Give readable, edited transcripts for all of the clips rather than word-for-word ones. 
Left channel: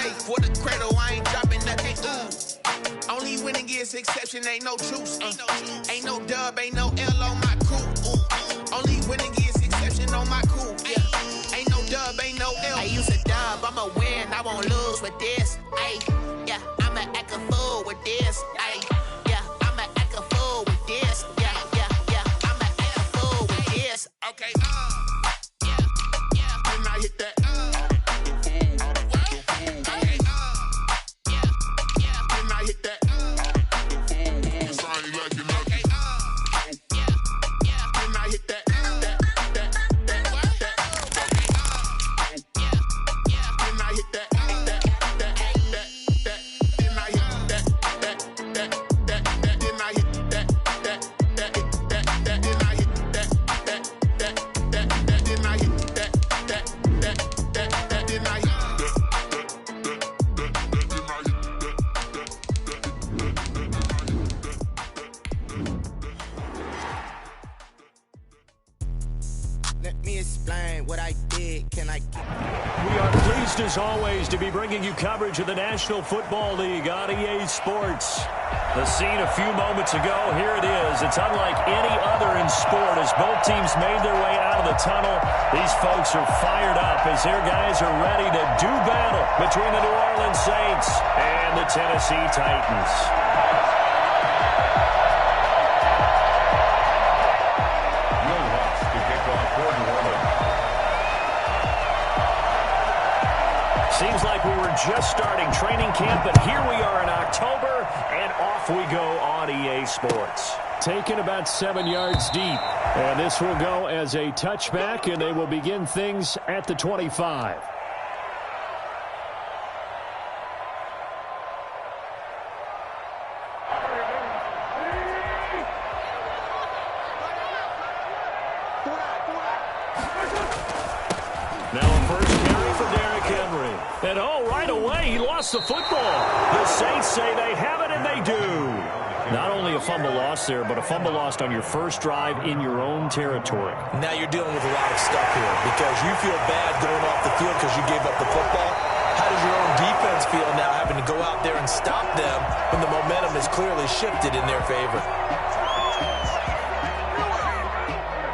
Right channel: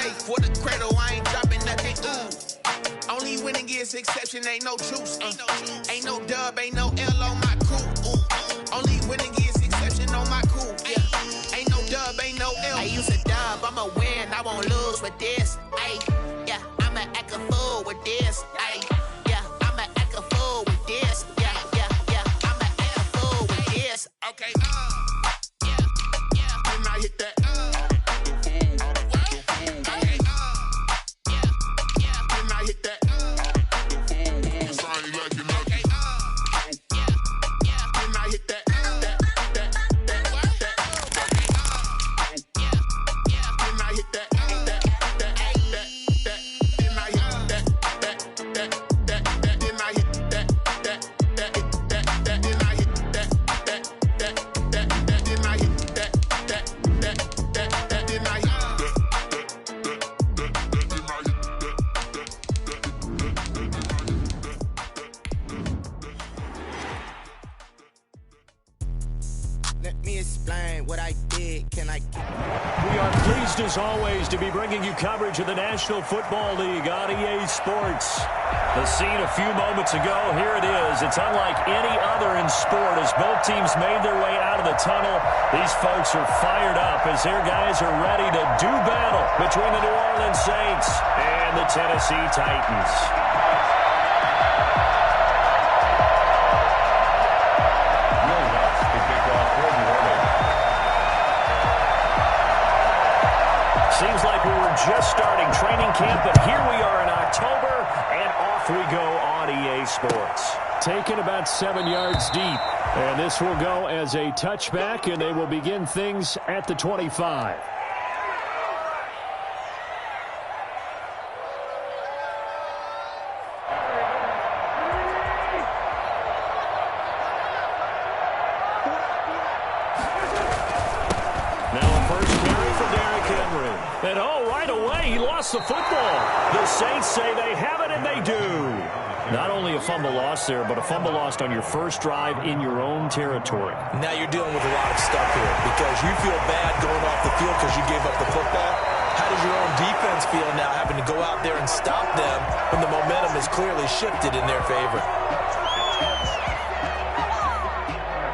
safe for the cradle, I ain't dropping nothing. Only winning is exception, ain't no truce. Ain't no dub, ain't no L on my coup. Only winning is exception on my coup. Yeah. Ain't no dub, ain't no L. I used to dub, I'ma win, I won't lose with this. Yeah, I'ma act a fool with this. Yeah, I'ma act a fool with this. Yeah, I'ma act a fool with this. Okay, yeah, when I hit that. As always, to be bringing you coverage of the National Football League on EA Sports. The scene a few moments ago, here it is. It's unlike any other in sport as both teams made their way out of the tunnel. These folks are fired up as their guys are ready to do battle between the New Orleans Saints and the Tennessee Titans. Will Lutz to kick off for New Orleans. Seems like we were just starting training camp, but here we are in October, and off we go on EA Sports. Taken about 7 yards deep, and this will go as a touchback, and they will begin things at the 25. And right away, he lost the football. The Saints say they have it, and they do. Not only a fumble loss there, but a fumble lost on your first drive in your own territory. Now you're dealing with a lot of stuff here because you feel bad going off the field because you gave up the football. How does your own defense feel now having to go out there and stop them when the momentum is clearly shifted in their favor?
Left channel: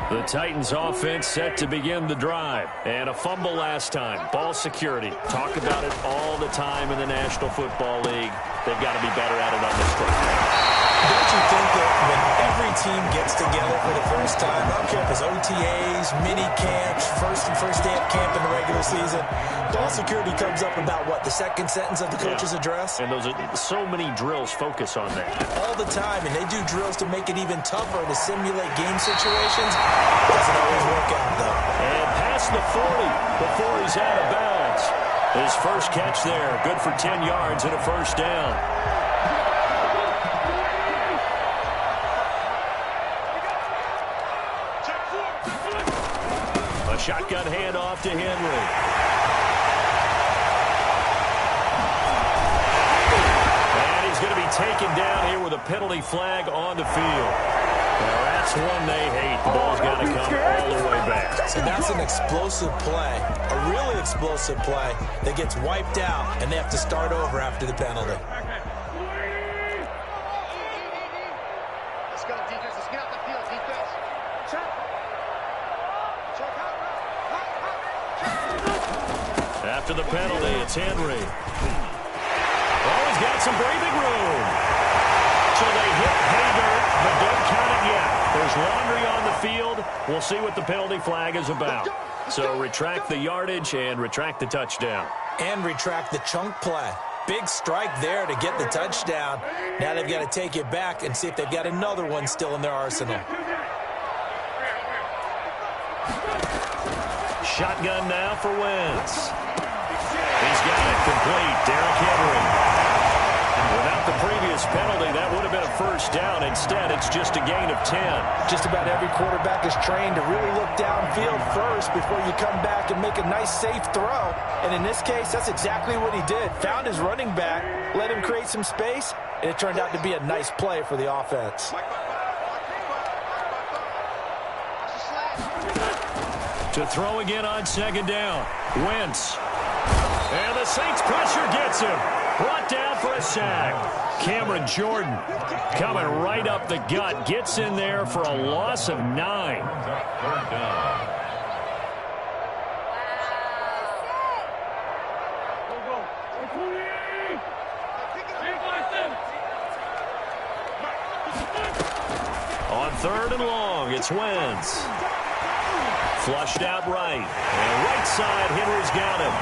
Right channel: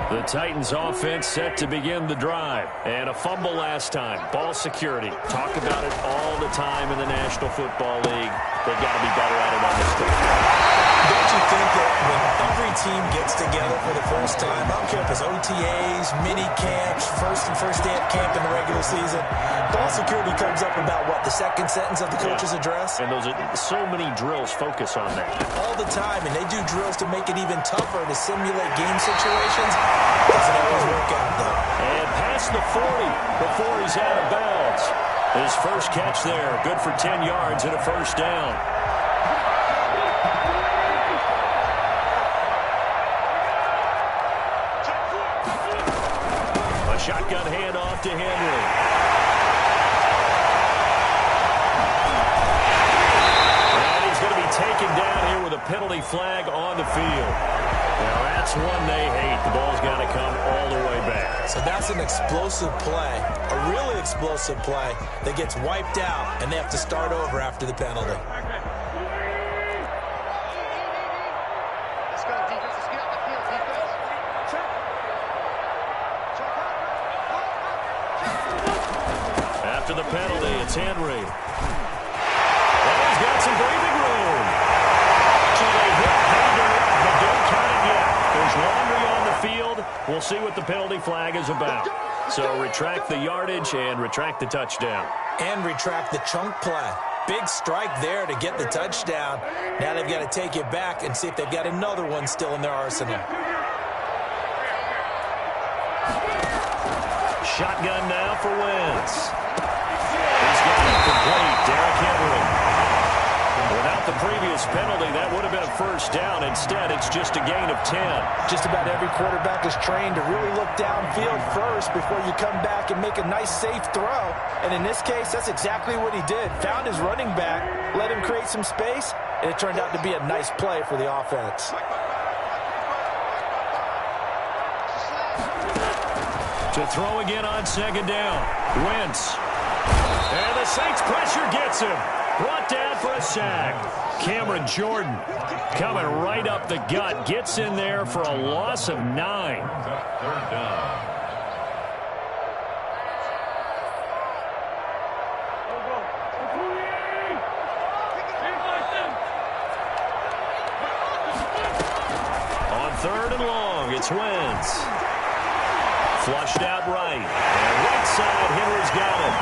The Titans offense set to begin the drive. And a fumble last time. Ball security. Talk about it all the time in the National Football League. They've got to be better at it on this drive. Don't you think that when every team gets together for the first time, I don't care if it's OTAs, mini camps, first day of camp in the regular season, ball security comes up about what, the second sentence of the coach's address? And those are so many drills focus on that. All the time, and they do drills to make it even tougher to simulate game situations. Doesn't always work out, though. And past the 40 before he's out of bounds. His first catch there, good for 10 yards and a first down. A shotgun handoff to Henry. And he's going to be taken down here with a penalty flag on the field. Now that's one they hate. The ball's got to come all the way back. So that's an explosive play, a really explosive play that gets wiped out, and they have to start over after the penalty. Let's go, defense. Let's get out the field, defense. Check. Check out. After the penalty, it's Henry. Oh, he's got some breathing room. So they hit pay dirt, but don't count it yet. There's laundry on the field. We'll see what the penalty flag is about. So retract the yardage and retract the touchdown. And retract the chunk play. Big strike there to get the touchdown. Now they've got to take it back and see if they've got another one still in their arsenal. Shotgun now for Wentz. He's got it complete. Derrick Henry. Without the previous penalty, that would have been a first down. Instead, it's just a gain of 10. Just about every quarterback is trained to really look downfield first before you come back and make a nice, safe throw. And in this case, that's exactly what he did. Found his running back, let him create some space, and it turned out to be a nice play for the offense. To throw again on second down. Wentz. And the Saints pressure gets him. Brought down for a sack. Cameron Jordan coming right up the gut. Gets in there for a loss of 9. Third down. On 3rd and long, it's Wentz. Flushed out right. And right side, Henry's got it.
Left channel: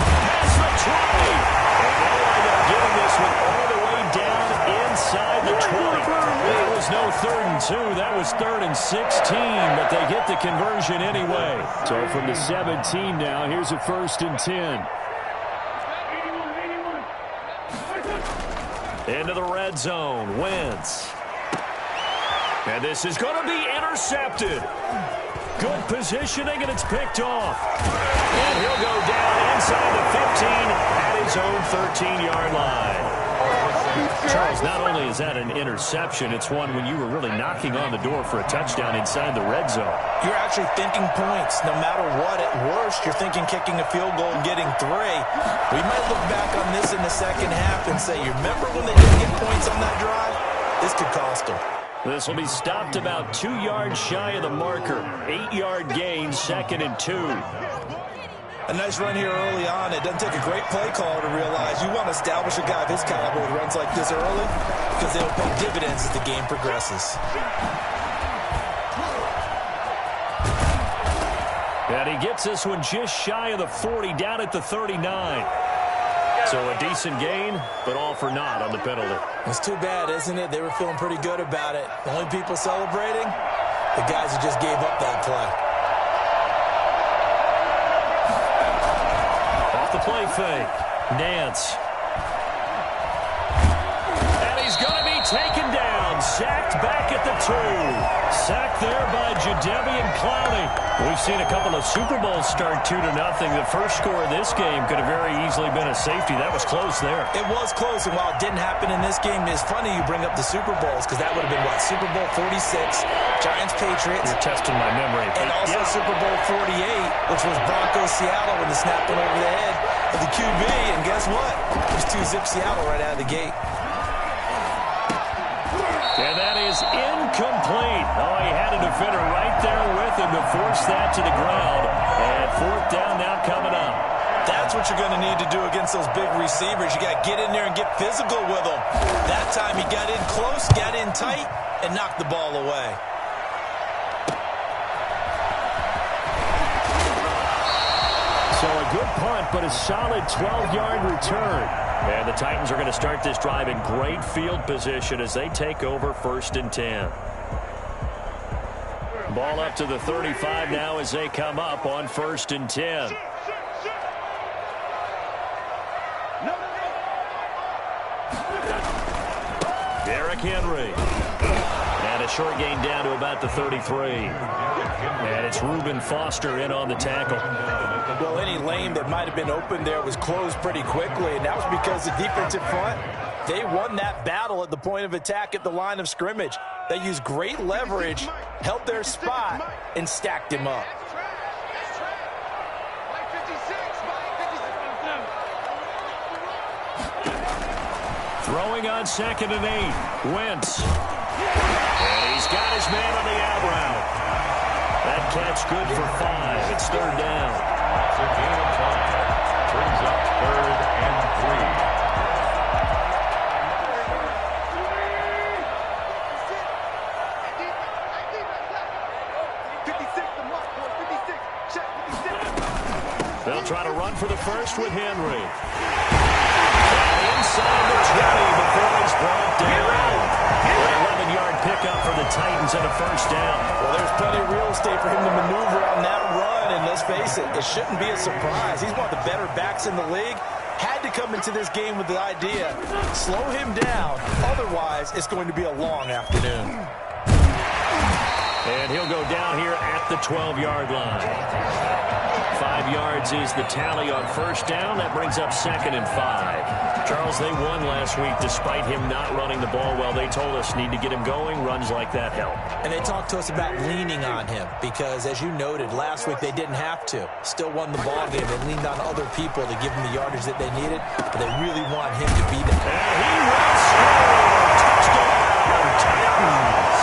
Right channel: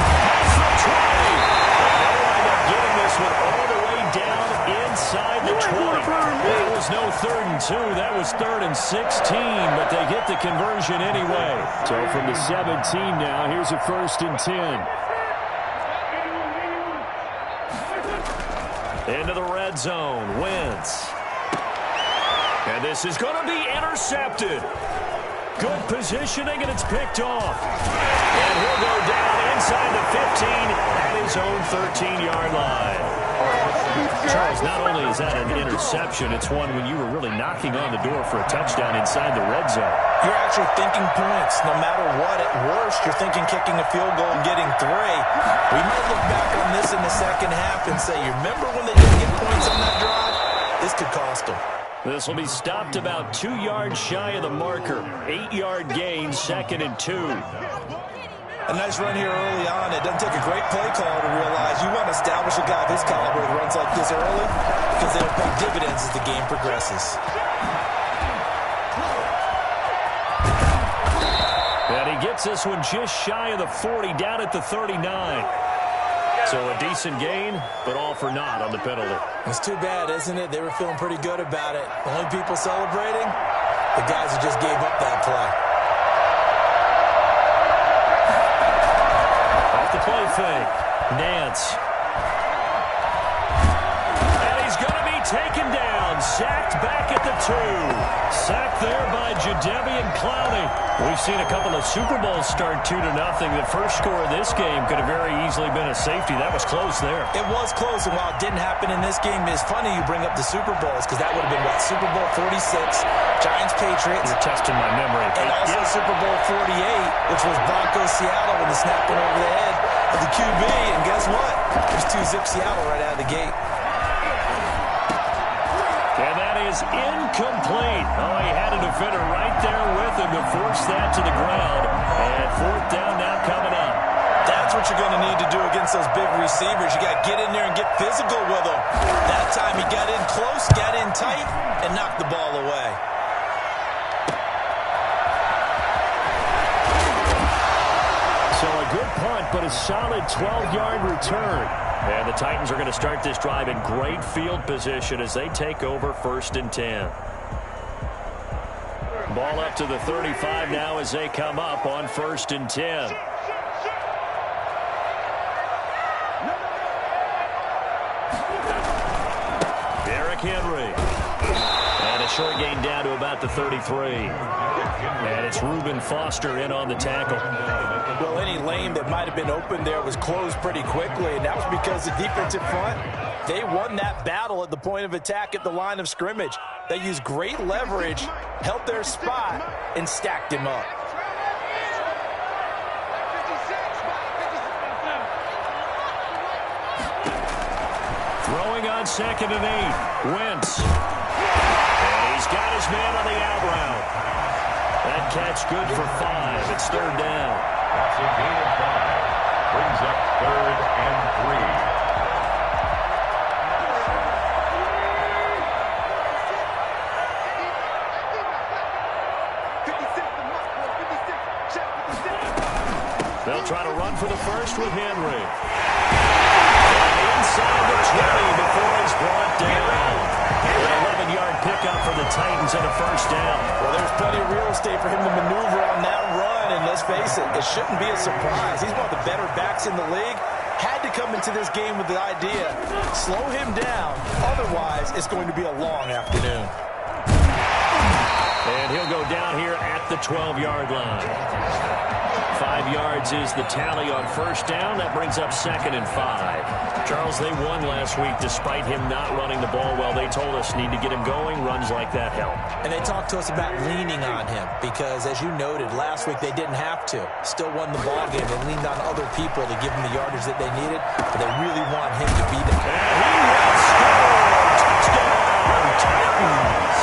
Past the 20. And they'll wind up getting this one all the way down inside the 20. That was no 3rd and 2. That was 3rd and 16. But they get the conversion anyway. So from the 17 now, here's a 1st and 10. Into the red zone. Wentz. And this is going to be intercepted. Good positioning, and it's picked off. And he'll go down inside the 15 at his own 13-yard line. Charles, not only is that an interception, it's one when you were really knocking on the door for a touchdown inside the red zone. You're actually thinking points. No matter what, at worst, you're thinking kicking a field goal and getting 3. We might look back on this in the second half and say, you remember when they didn't get points on that drive? This could cost them. This will be stopped about 2 yards shy of the marker. 8-yard gain, 2nd and 2. A nice run here early on. It doesn't take a great play caller to realize you want to establish a guy of his caliber with runs like this early because they'll pay dividends as the game progresses. And he gets this one just shy of the 40, down at the 39. So a decent gain, but all for naught on the penalty. It's too bad, isn't it? They were feeling pretty good about it. The only people celebrating, the guys who just gave up that play. Off the play fake, Nance. And he's going to be taken down, sacked back at the 2. Sacked there by Jadeveon Clowney. We've seen a couple of Super Bowls start 2-0. The first score of this game could have very easily been a safety. That was close there. It was close, and while it didn't happen in this game, it's funny you bring up the Super Bowls because that would have been, what, Super Bowl 46, Giants-Patriots. You're testing my memory. And also Super Bowl 48, which was Broncos-Seattle when the snap went over the head of the QB. And guess what? There's 2-zip Seattle right out of the gate. And that is incomplete. Oh, he had a defender right there with him to force that to the ground. And 4th down now coming up. That's what you're going to need to do against those big receivers. You got to get in there and get physical with them. That time he got in close, got in tight, and knocked the ball away. So a good punt, but a solid 12-yard return. And the Titans are going to start this drive in great field position as they take over 1st and 10. Ball up to the 35 now as they come up on 1st and 10. Derrick Henry. And a short gain down to about the 33. And it's Reuben Foster in on the tackle. Well, any lane that might have been open there was closed pretty quickly, and that was because the defensive front, they won that battle at the point of attack at the line of scrimmage. They used great leverage, held their spot, and stacked him up. Throwing on 2nd and 8. Wentz. And he's got his man on the out route. That catch good for 5. It's 3rd down. That's a gain of 5. Brings up 3rd and 3. They'll try to run for the first with Henry. And inside the 20 before he's brought down. An 11-yard pickup for the Titans and a 1st down. Well, there's plenty of real estate for him to maneuver on that run, and let's face it, it shouldn't be a surprise. He's one of the better backs in the league. Had to come into this game with the idea, slow him down, otherwise it's going to be a long afternoon. And he'll go down here at the 12-yard line. 5 yards is the tally on first down. That brings up 2nd and 5. Charles, they won last week despite him not running the ball well. They told us need to get him going. Runs like that help. And they talked to us about leaning on him because, as you noted, last week they didn't have to. Still won the ball game. They leaned on other people to give them the yardage that they needed, but they really want him to be there. And he will score. Touchdown, Titans.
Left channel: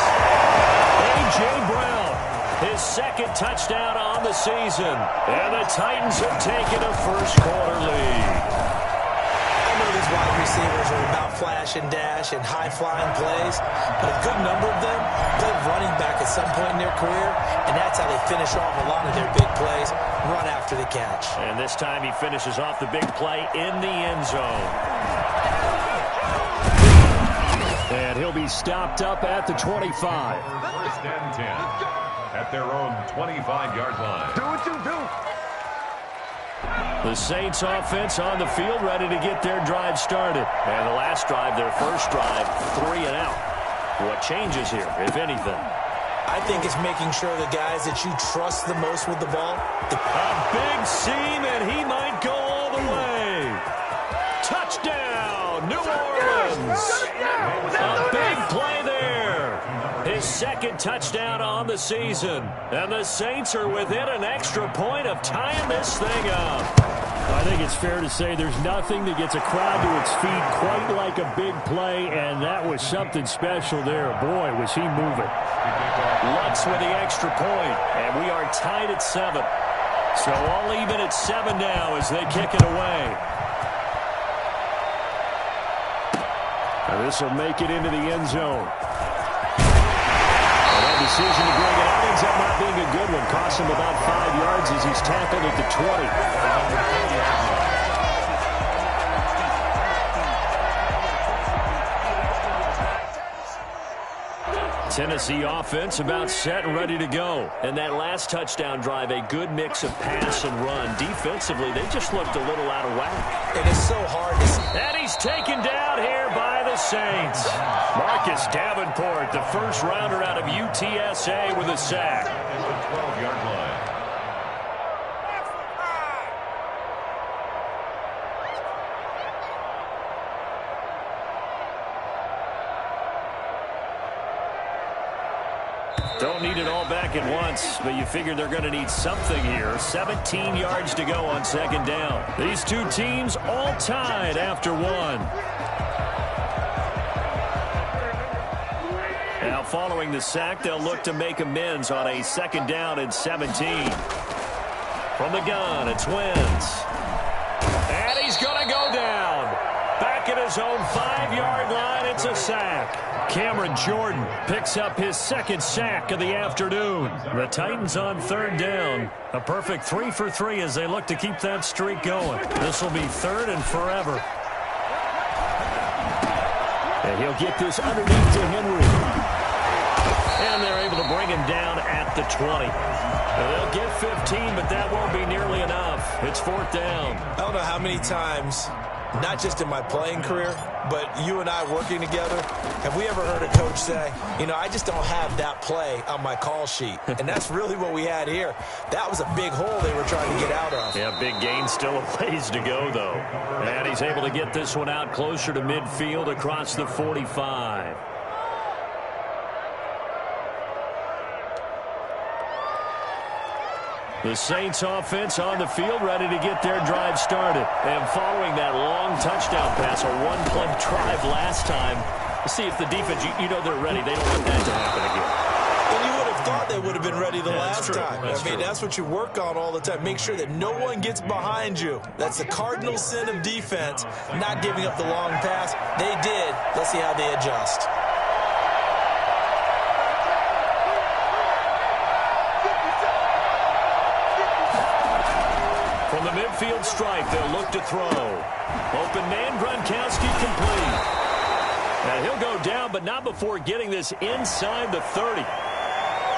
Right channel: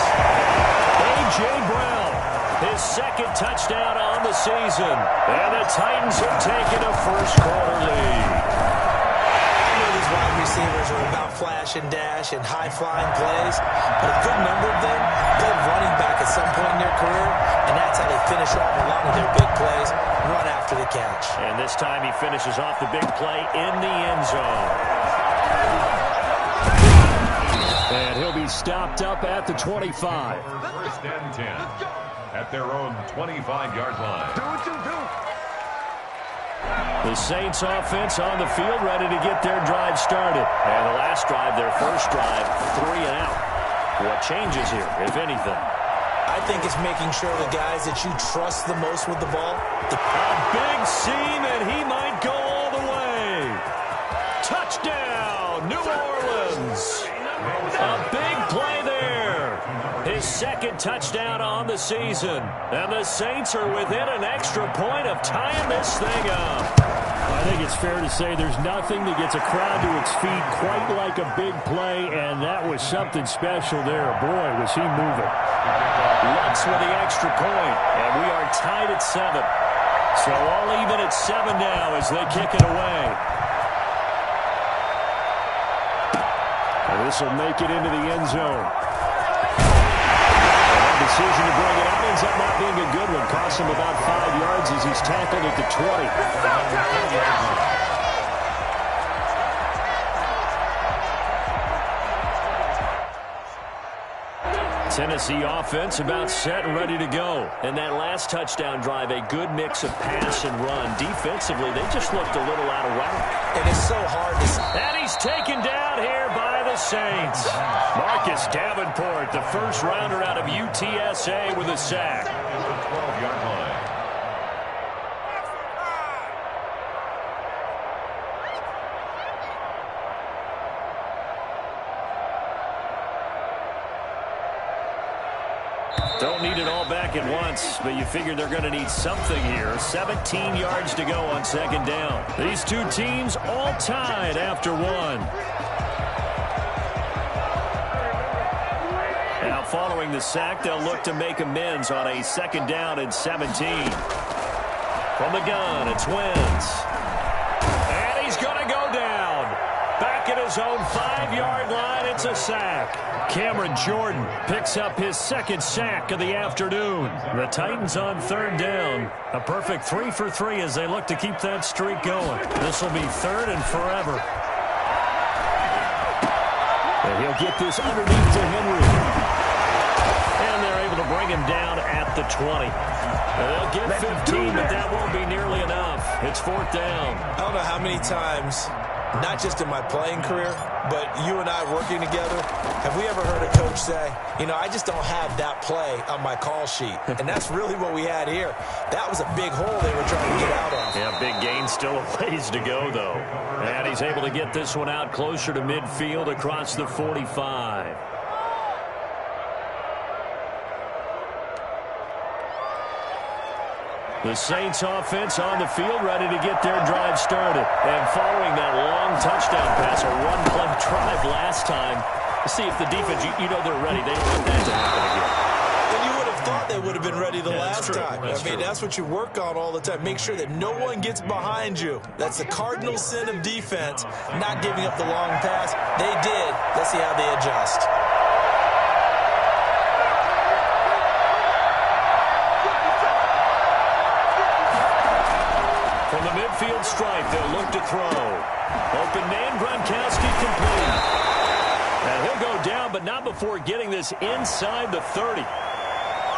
A.J. Brown, his 2nd touchdown on the season. And the Titans have taken a first-quarter lead. I know these wide receivers are about flash and dash and high-flying plays, but a good number of them played running back at some point in their career, and that's how they finish off a lot of their big plays, run after the catch. And this time he finishes off the big play in the end zone. And he'll be stopped up at the 25. First and 10 at their own 25-yard line. Do what you do. The Saints offense on the field, ready to get their drive started. And the last drive, their first drive, 3 and out. What changes here, if anything? I think it's making sure the guys that you trust the most with the ball. A big seam, and he might go all the way. Touchdown, New Orleans. A big play there. His 2nd touchdown on the season. And the Saints are within an extra point of tying this thing up. I think it's fair to say there's nothing that gets a crowd to its feet quite like a big play, and that was something special there. Boy, was he moving. Lutz with the extra point, and we are tied at 7. So all even at 7 now as they kick it away. And this will make it into the end zone. And that decision to bring it out ends up not being a good one. Costs him about 5 yards as he's tackled at the 20. Tennessee offense about set and ready to go. And that last touchdown drive, a good mix of pass and run. Defensively, they just looked a little out of whack. It is so hard to see. And he's taken down here by the Saints. Marcus Davenport, the first rounder out of UTSA with a sack. 12-yard line. Don't need it all back at once, but you figure they're going to need something here. 17 yards to go on 2nd down. These two teams all tied after 1. Now following the sack, they'll look to make amends on a 2nd down and 17. From the gun, it's Wentz. And he's going to go down. Back at his own 5-yard line, it's a sack. Cameron Jordan picks up his 2nd sack of the afternoon. The Titans on 3rd down. A perfect 3 for 3 as they look to keep that streak going. This will be 3rd and forever. And he'll get this underneath to Henry. And they're able to bring him down at the 20. They'll get 15, but that won't be nearly enough. It's 4th down. I don't know how many times, not just in my playing career, but you and I working together, have we ever heard a coach say, you know, I just don't have that play on my call sheet. And that's really what we had here. That was a big hole they were trying to get out of. Yeah, big gain, still a ways to go, though. And he's able to get this one out closer to midfield across the 45. The Saints offense on the field, ready to get their drive started. And following that long touchdown pass, a one-play drive last time, see if the defense, you know they're ready. They don't want that to happen again. And you would have thought they would have been ready the last time. That's what you work on all the time. Make sure that no one gets behind you. That's the cardinal sin of defense, not giving up the long pass. They did. Let's see how they adjust. From the midfield stripe, they'll look to throw. Open man, Gronkowski complete. And he'll go down, but not before getting this inside the 30.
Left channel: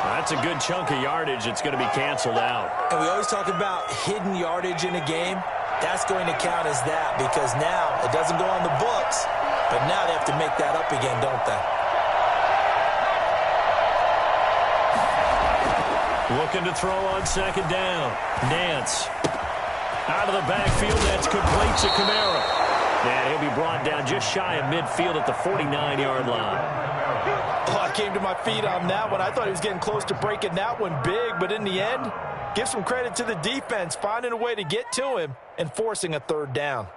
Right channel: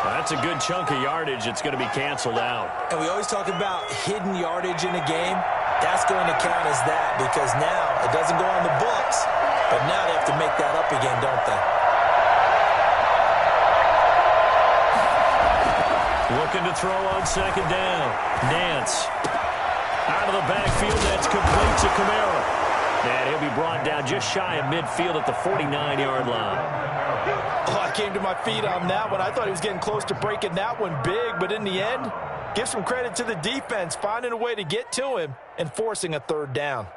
That's a good chunk of yardage. It's going to be canceled out. And we always talk about hidden yardage in a game. That's going to count as that because now it doesn't go on the books, but now they have to make that up again, don't they? Looking to throw on second down. Nance. Out of the backfield, that's complete to Kamara. And he'll be brought down just shy of midfield at the 49-yard line. Oh, I came to my feet on that one. I thought he was getting close to breaking that one big, but in the end, give some credit to the defense, finding a way to get to him and forcing a third down.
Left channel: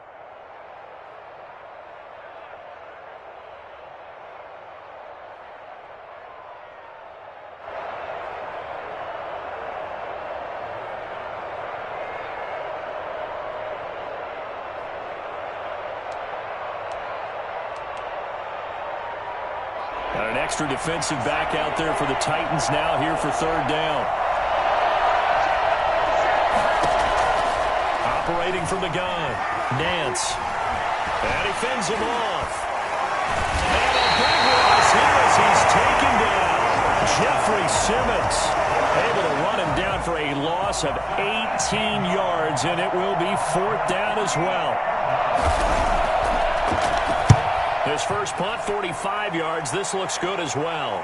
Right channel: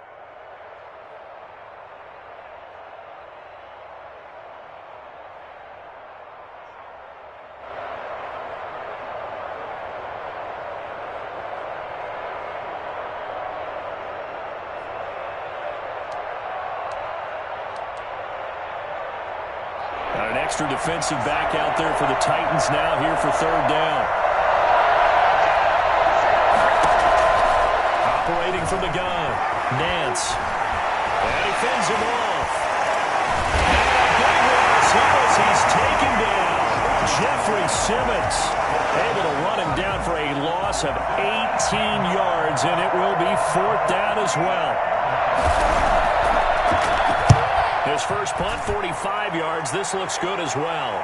Got an extra defensive back out there for the Titans now here for third down. Operating from the gun, Nance. And he fends him off. And a big loss here as he's taken down. Jeffrey Simmons able to run him down for a loss of 18 yards, and it will be fourth down as well. His first punt, 45 yards. This looks good as well.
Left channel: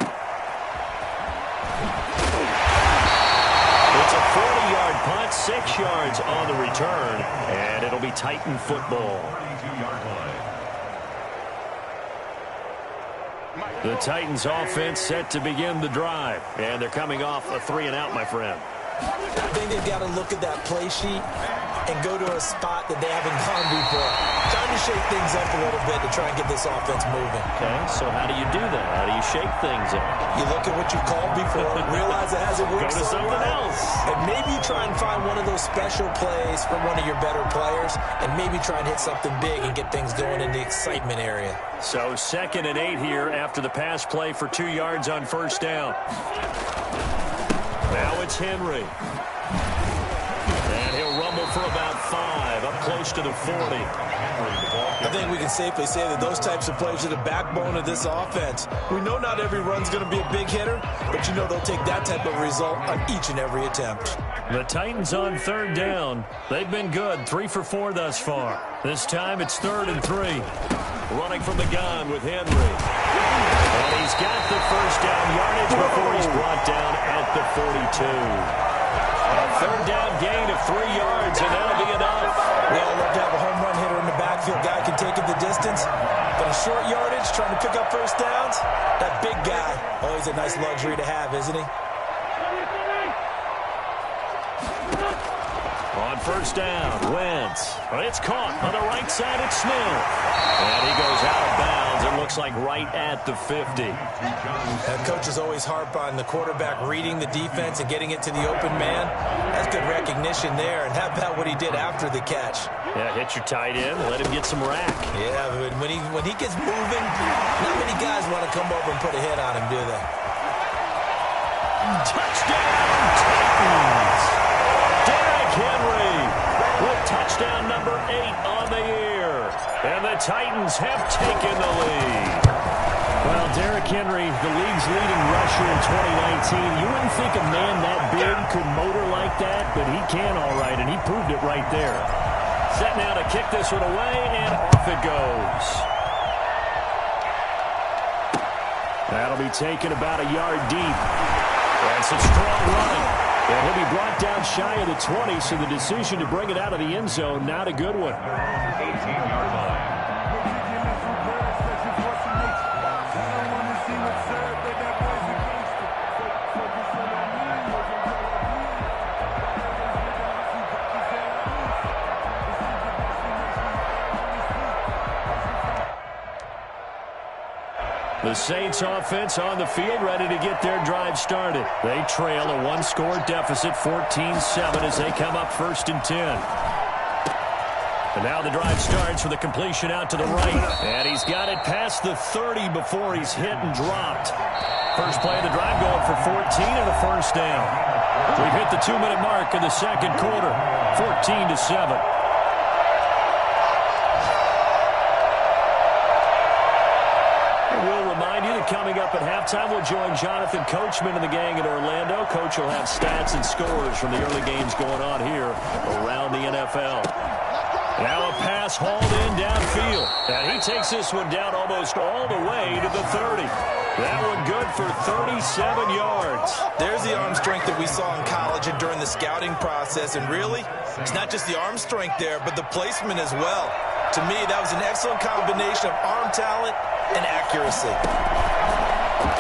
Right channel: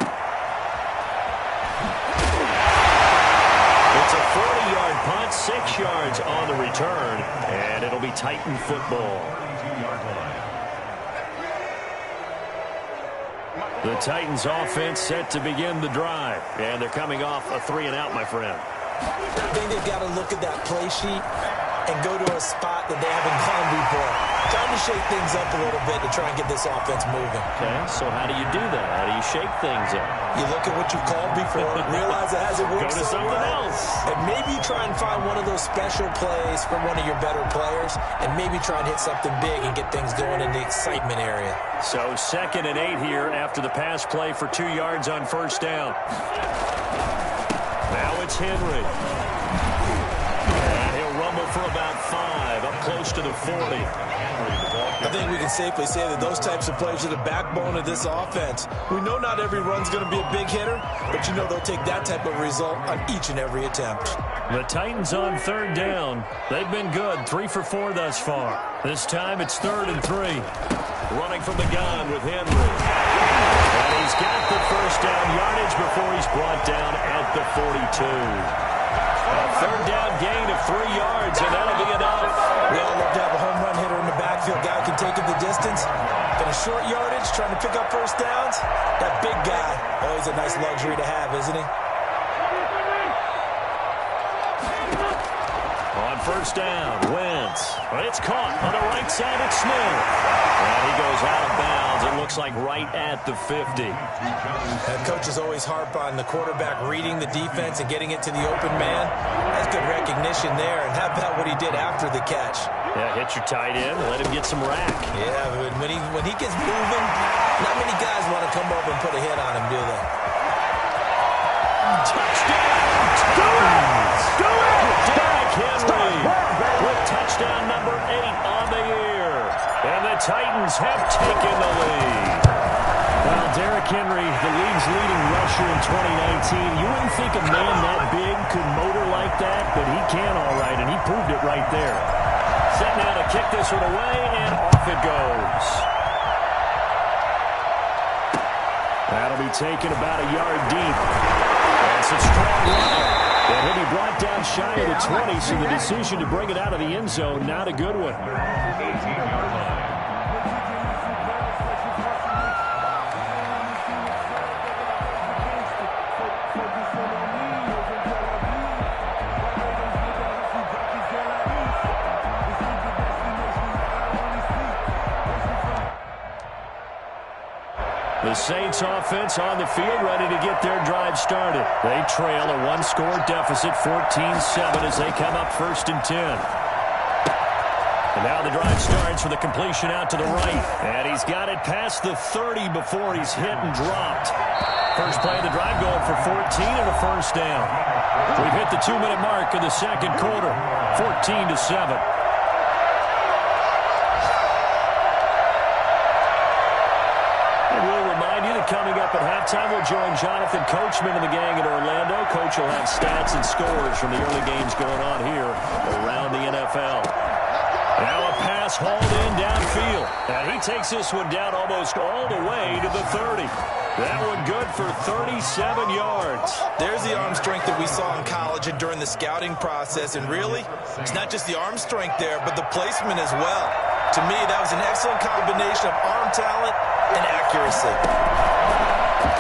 It's a 40-yard punt, 6 yards on the return, and it'll be Titan football. The Titans offense set to begin the drive, and they're coming off a 3-and-out, my friend. I think they've got to look at that play sheet and go to a spot that they haven't gone before. Time to shake things up a little bit to try and get this offense moving. Okay, so how do you do that? How do you shake things up? You look at what you've called before, realize it hasn't worked Go to so something well, else. and maybe try and find one of those special plays from one of your better players, and maybe try and hit something big and get things going in the excitement area. So 2nd and 8 here after the pass play for 2 yards on first down. Now it's Henry. And he'll rumble for about 5, up close to the 40. I think we can safely say that those types of plays are the backbone of this offense. We know not every run's going to be a big hitter, but you know they'll take that type of result on each and every attempt. The Titans on third down. They've been good, 3 for 4 thus far. This time it's 3rd and 3. Running from the gun with Henry. And he's got the first down yardage before he's brought down at the 42. A third down gain of 3 yards, and that'll be enough. We all love to have a home run hitter in the backfield. Guy can take it the distance. But a short yardage, trying to pick up first downs, that big guy, always a nice luxury to have, isn't he? On first down, Wentz. It's caught on the right side. It's Smith. And he goes out of bounds. It looks like right at the 50. And coaches always harp on the quarterback reading the defense and getting it to the open man. That's good recognition there. And how about what he did after the catch? Yeah, hit your tight end. Let him get some rack. Yeah, but when he gets moving, not many guys want to come up and put a hit on him, do they? Touchdown, Titans! Derrick Henry with touchdown number 8 on the year. And the Titans have taken the lead. Well, Derrick Henry, the league's leading rusher in 2019. You wouldn't think a man that big could motor like that, but he can all right, and he proved it right there. Set now to kick this one away, and off it goes. That'll be taken about a yard deep. And some strong running. And he'll be brought down shy of the 20, so the decision to bring it out of the end zone, not a good one. 18-yard line. The Saints offense on the field, ready to get their drive started. They trail a 1-score deficit, 14-7, as they come up 1st and 10. And now the drive starts with a completion out to the right. And he's got it past the 30 before he's hit and dropped. First play of the drive going for 14 and a first down. We've hit the 2-minute mark in the second quarter, 14-7. We'll remind you that coming up at halftime, we'll join Jonathan Coachman and the gang in Orlando. Coach will have stats and scores from the early games going on here around the NFL. Now a pass hauled in downfield. And he takes this one down almost all the way to the 30. That one good for 37 yards. There's the arm strength that we saw in college and during the scouting process. And really, it's not just the arm strength there, but the placement as well. To me, that was an excellent combination of arm talent and accuracy.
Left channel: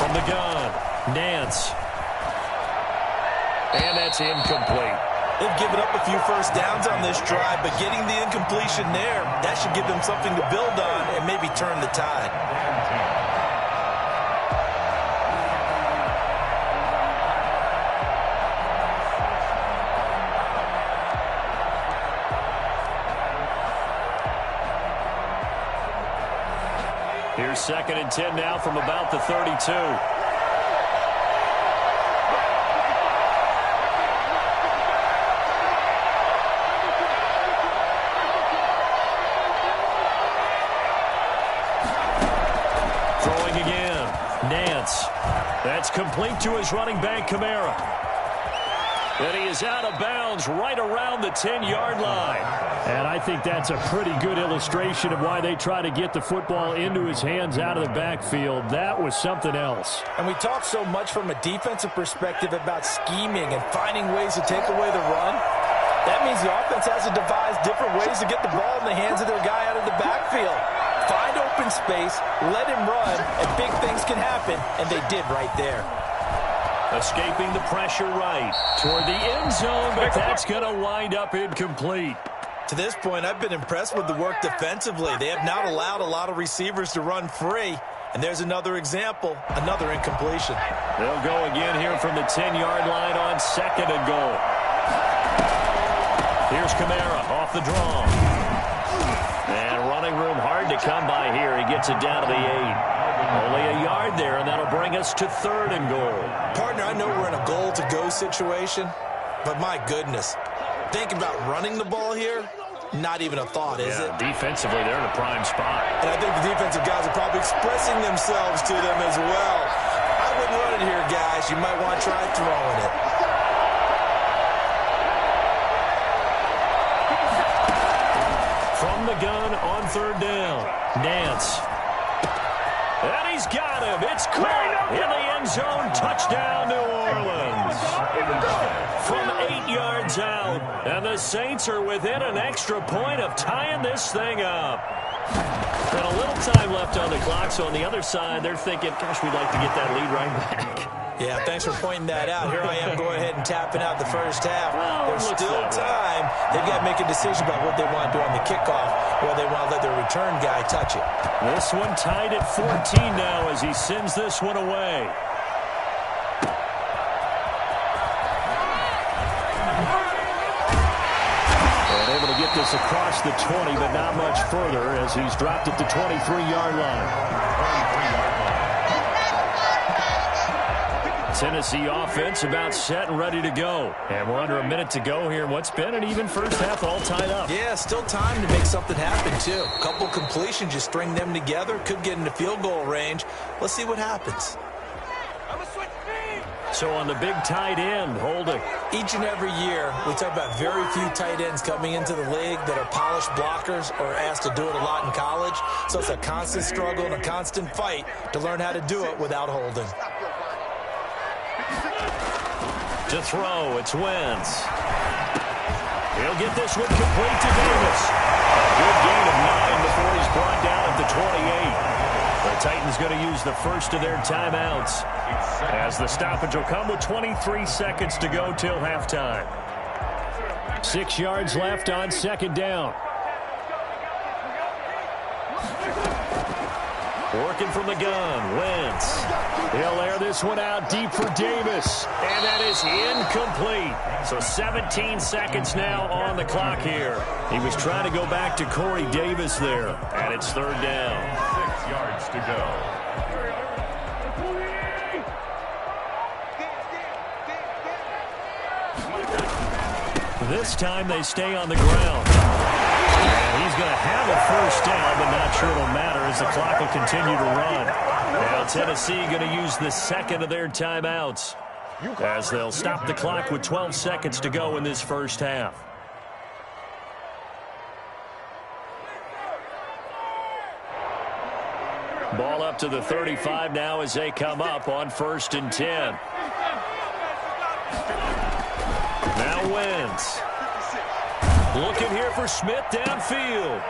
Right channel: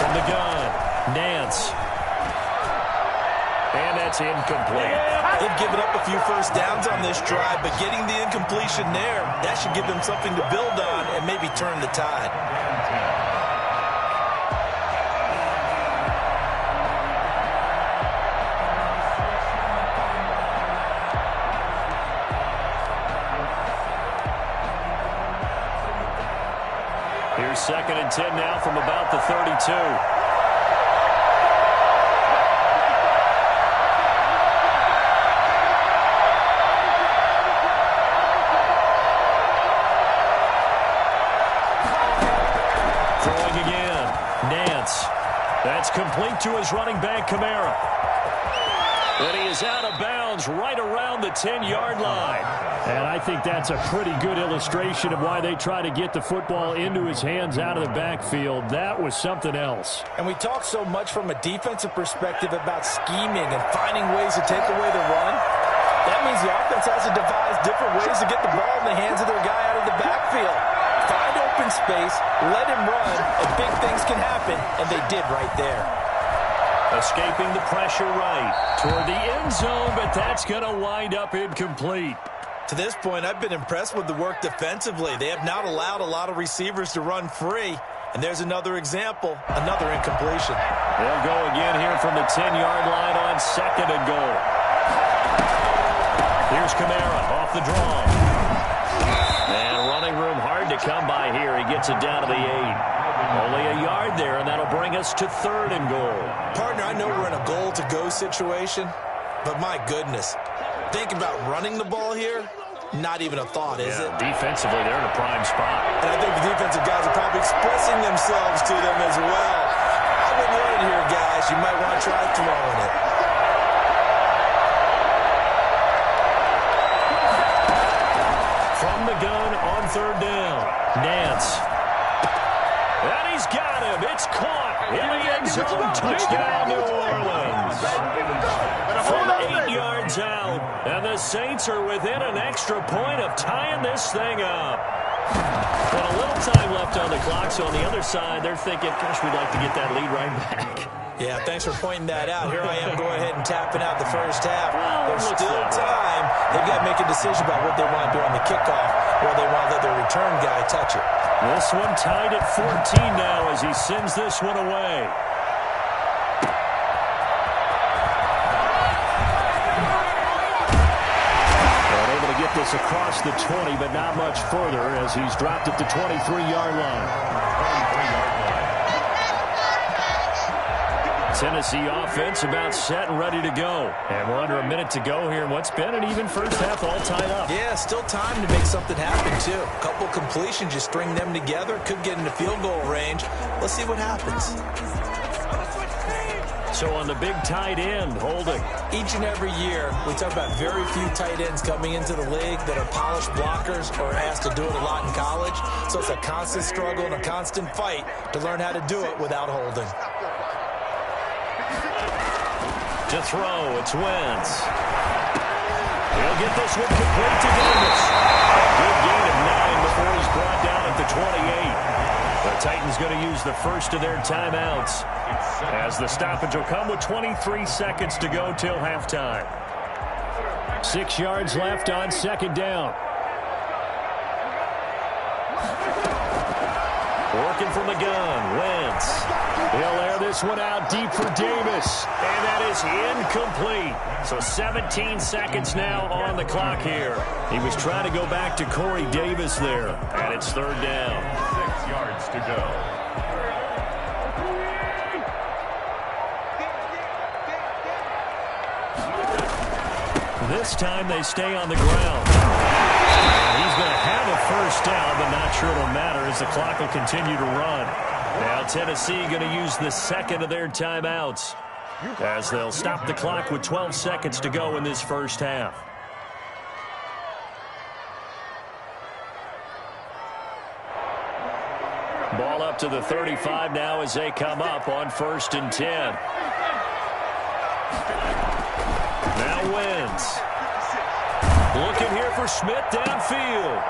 From the gun, Nance. And that's incomplete. They've given up a few first downs on this drive, but getting the incompletion there, that should give them something to build on and maybe turn the tide. Here's 2nd and 10 now from about the 32. That's complete to his running back, Kamara. And he is out of bounds right around the 10-yard line. And I think that's a pretty good illustration of why they try to get the football into his hands out of the backfield. That was something else. And we talk so much from a defensive perspective about scheming and finding ways to take away the run. That means the offense has to devise different ways to get the ball in the hands of their guy out of the backfield. Find open space, let him run, and big things can happen, and they did right there. Escaping the pressure right toward the end zone, but that's going to wind up incomplete. To this point, I've been impressed with the work defensively. They have not allowed a lot of receivers to run free, and there's another example, another incompletion. They'll go again here from the 10-yard line on 2nd and goal. Here's Kamara off the draw. And running room hard to come by here. He gets it down to the 8. Only a yard there, and that'll bring us to 3rd and goal. Partner, I know we're in a goal-to-go situation, but my goodness, think about running the ball here. Not even a thought, is it? Defensively, they're in a prime spot. And I think the defensive guys are probably expressing themselves to them as well. I wouldn't run it here, guys. You might want to try throwing it. From the gun on 3rd down, Nance. And he's got him. It's caught in the end zone. Touchdown, New Orleans. From 8 yards out. And the Saints are within an extra point of tying this thing up. And a little time left on the clock. So on the other side, they're thinking, gosh, we'd like to get that lead right back. Yeah, thanks for pointing that out. Here I am going ahead and tapping out the first half. Well, there's still time. They've got to make a decision about what they want to do on the kickoff, or they want to let their return guy touch it. This one tied at 14 now as he sends this one away. And able to get this across the 20, but not much further as he's dropped at the 23-yard line. Tennessee offense about set and ready to go. And we're under a minute to go here in what's been an even first half, all tied up. Yeah, still time to make something happen, too. A couple completions, you string them together, could get into field goal range. Let's see what happens. So on the big tight end, Holding. Each and every year, we talk about very few tight ends coming into the league that are polished blockers or asked to do it a lot in college. So it's a constant struggle and a constant fight to learn how to do it without holding. To throw, it's Wentz. He'll get this one complete to Davis. A good gain of 9 before he's brought down at the 28. The Titans going to use the first of their timeouts as the stoppage will come with 23 seconds to go till halftime. 6 yards left on 2nd down. Working from the gun, Wentz. He'll air this one out deep for Davis. And that is incomplete. So 17 seconds now on the clock here. He was trying to go back to Corey Davis there. And it's 3rd down. 6 yards to go. This time they stay on the ground. And he's going to have a first down, but not sure it'll matter as the clock will continue to run. Now Tennessee going to use the second of their timeouts as they'll stop the clock with 12 seconds to go in this first half. Ball up to the 35 now as they come up on 1st and 10. Now Wentz. Looking here for Smith downfield.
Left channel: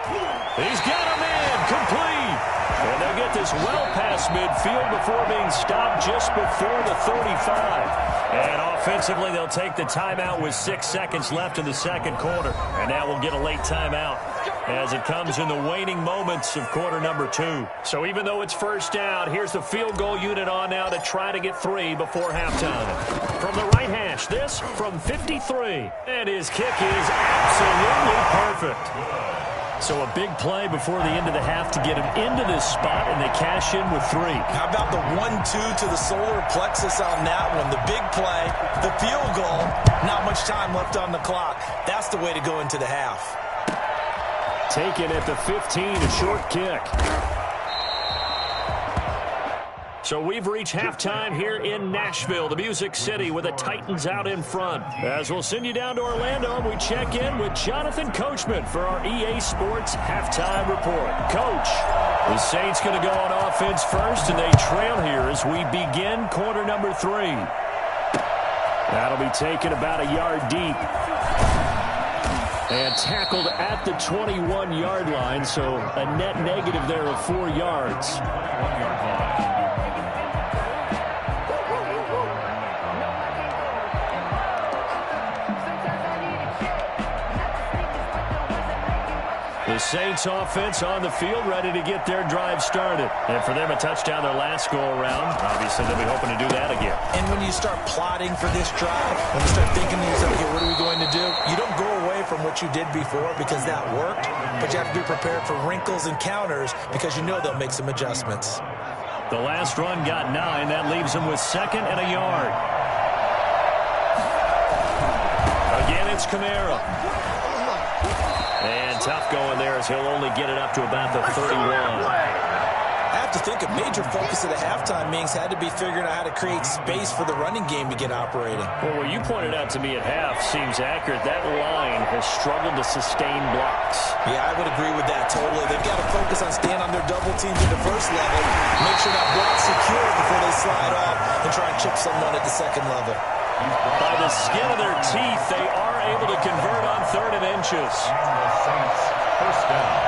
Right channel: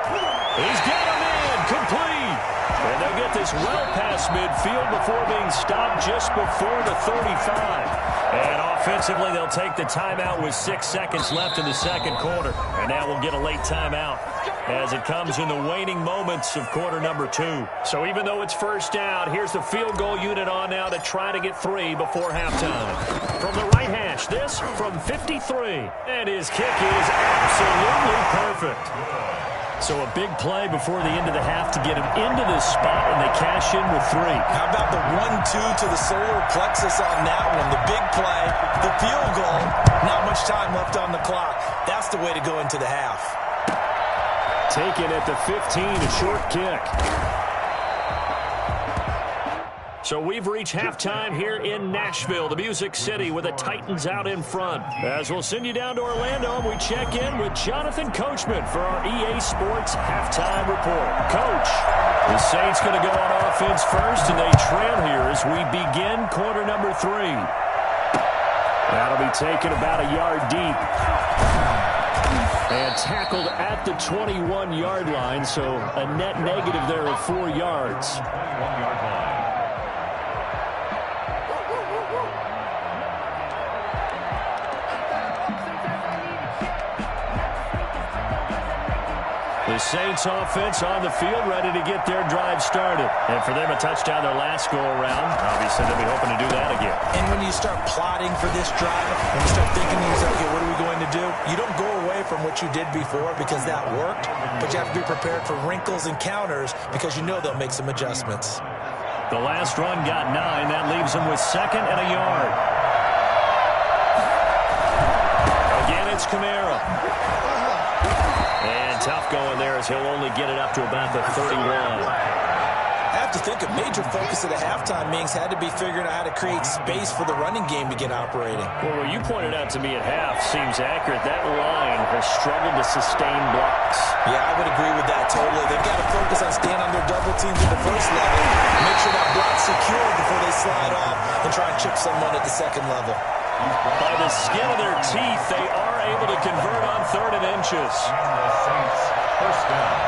He's got him in. Complete. And they'll get this well past midfield before being stopped just before the 35. And offensively, they'll take the timeout with 6 seconds left in the second quarter. And now we'll get a late timeout as it comes in the waning moments of quarter number 2. So even though it's first down, here's the field goal unit on now to try to get 3 before halftime. From the right hash, this from 53. And his kick is absolutely perfect. So a big play before the end of the half to get him into this spot, and they cash in with 3. How about the 1-2 to the solar plexus on that one? The big play, the field goal, not much time left on the clock. That's the way to go into the half. Taken at the 15, a short kick. So we've reached halftime here in Nashville, the Music City, with the Titans out in front. As we'll send you down to Orlando, and we check in with Jonathan Coachman for our EA Sports Halftime Report. Coach, the Saints going to go on offense first, and they trail here as we begin quarter number 3. That'll be taken about a yard deep. And tackled at the 21-yard line, so a net negative there of 4 yards. 21-yard line. The Saints offense on the field, ready to get their drive started. And for them, a touchdown their last go-around. Obviously, they'll be hoping to do that again. And when you start plotting for this drive, when you start thinking to yourself, okay, what are we going to do? You don't go away from what you did before because that worked, but you have to be prepared for wrinkles and counters because you know they'll make some adjustments. The last run got 9. That leaves them with 2nd and a yard. Again, it's Kamara. And tough going there as he'll only get it up to about the 31. I have to think a major focus of the halftime meetings had to be figuring out how to create space for the running game to get operating. Well, what you pointed out to me at half seems accurate. That line has struggled to sustain blocks. Yeah, I would agree with that totally. They've got to focus on staying on their double teams at the first level, make sure that block's secure before they slide off and try and chip someone at the second level. By the skin of their teeth, they are able to convert on 3rd and inches. And the Saints, first down.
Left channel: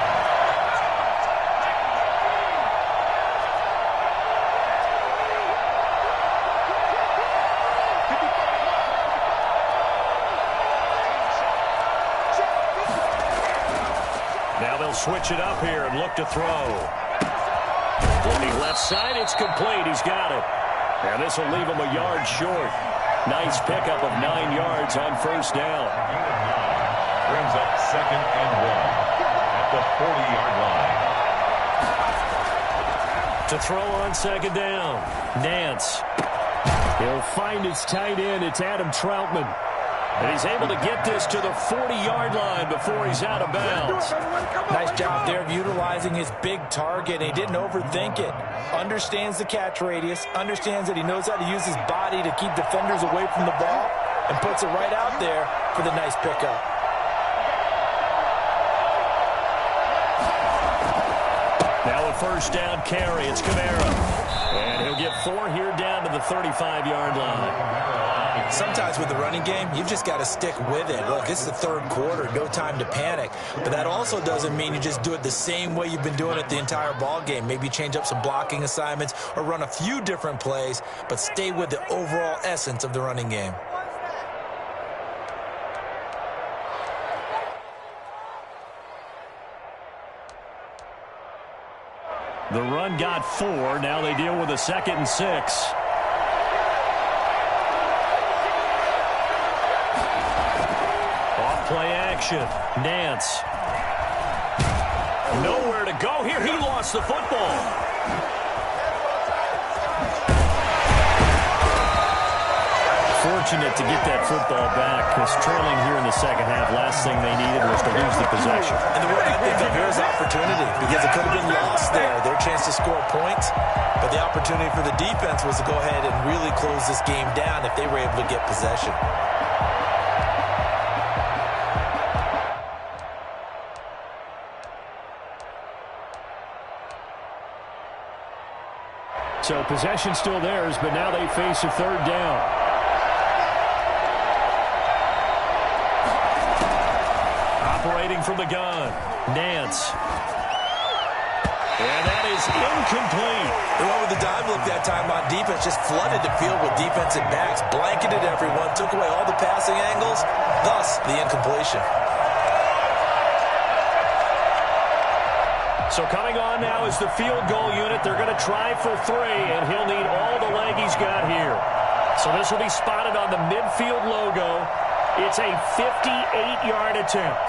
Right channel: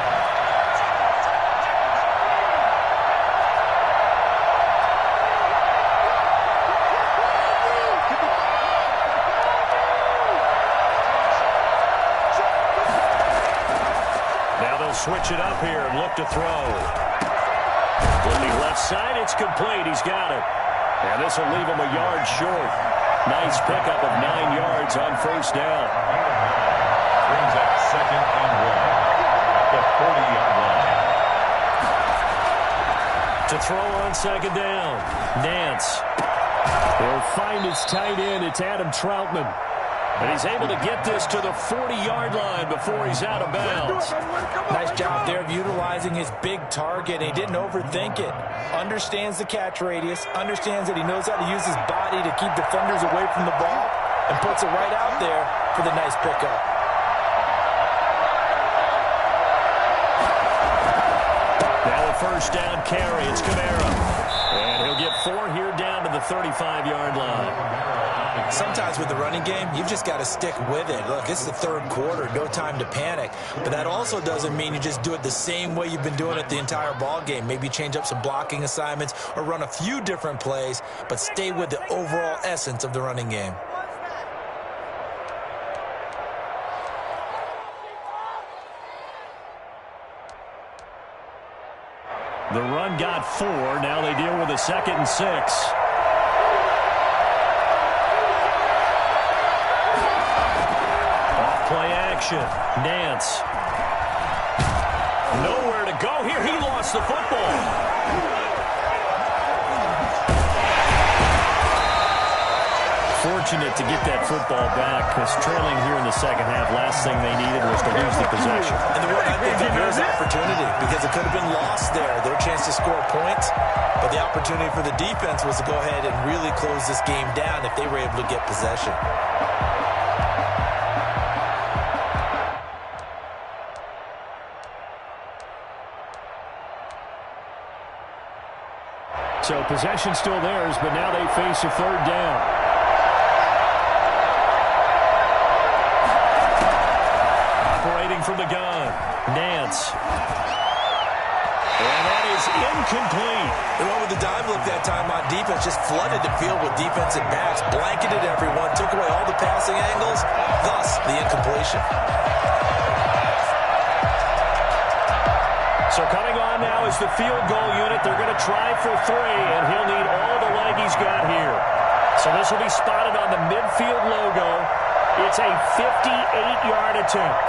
Now they'll switch it up here and look to throw. Looking left side, it's complete. He's got it. And this will leave him a yard short. Nice pickup of 9 yards on first down. 8 of 9 brings up 2nd and 1 at the 40-yard line. To throw on 2nd down, Nance. He'll find his tight end. It's Adam Troutman. And he's able to get this to the 40-yard line before he's out of bounds. Nice job there of utilizing his big target. He didn't overthink it. Understands the catch radius. Understands that he knows how to use his body to keep defenders away from the ball. And puts it right out there for the nice pickup. Now a first down carry. It's Kamara. And he'll get 4 here down to the 35-yard line. Sometimes with the running game, you've just got to stick with it. Look, it's the 3rd quarter, no time to panic. But that also doesn't mean you just do it the same way you've been doing it the entire ball game. Maybe change up some blocking assignments or run a few different plays, but stay with the overall essence of the running game. The run got 4. Now they deal with a 2nd and 6. Play action. Nance. Nowhere to go here. He lost the football. Fortunate to get that football back because trailing here in the second half, last thing they needed was to lose the possession. And the word I think of here is opportunity because it could have been lost there. Their chance to score points, but the opportunity for the defense was to go ahead and really close this game down if they were able to get possession. So possession still theirs, but now they face a third down. Operating from the gun, Nance. And that is incomplete. They went with the dive look that time on defense, just flooded the field with defensive backs, blanketed everyone, took away all the passing angles, thus the incompletion. So coming on now is the field goal unit. They're going to try for 3, and he'll need all the leg he's got here. So this will be spotted on the midfield logo. It's a 58-yard attempt.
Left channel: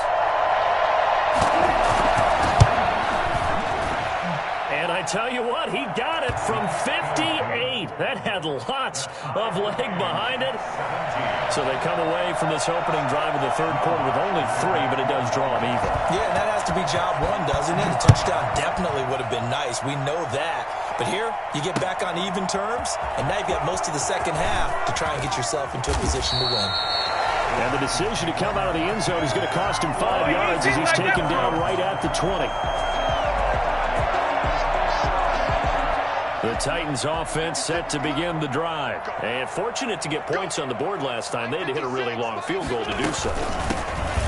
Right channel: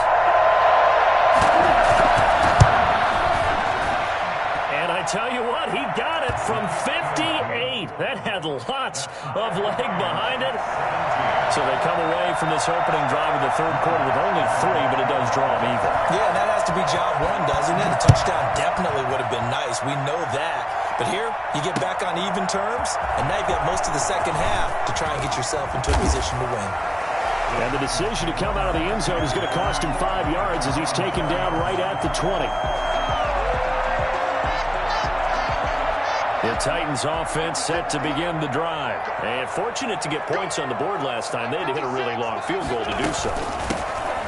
And I tell you what, he got it from 58. That had lots of leg behind it. So they come away from this opening drive of the third quarter with only 3, but it does draw them even. Yeah, and that has to be job 1, doesn't it? A touchdown definitely would have been nice. We know that. But here, you get back on even terms, and now you've got most of the second half to try and get yourself into a position to win. And the decision to come out of the end zone is going to cost him 5 yards as he's taken down right at the 20. The Titans offense set to begin the drive. And fortunate to get points on the board last time. They had to hit a really long field goal to do so.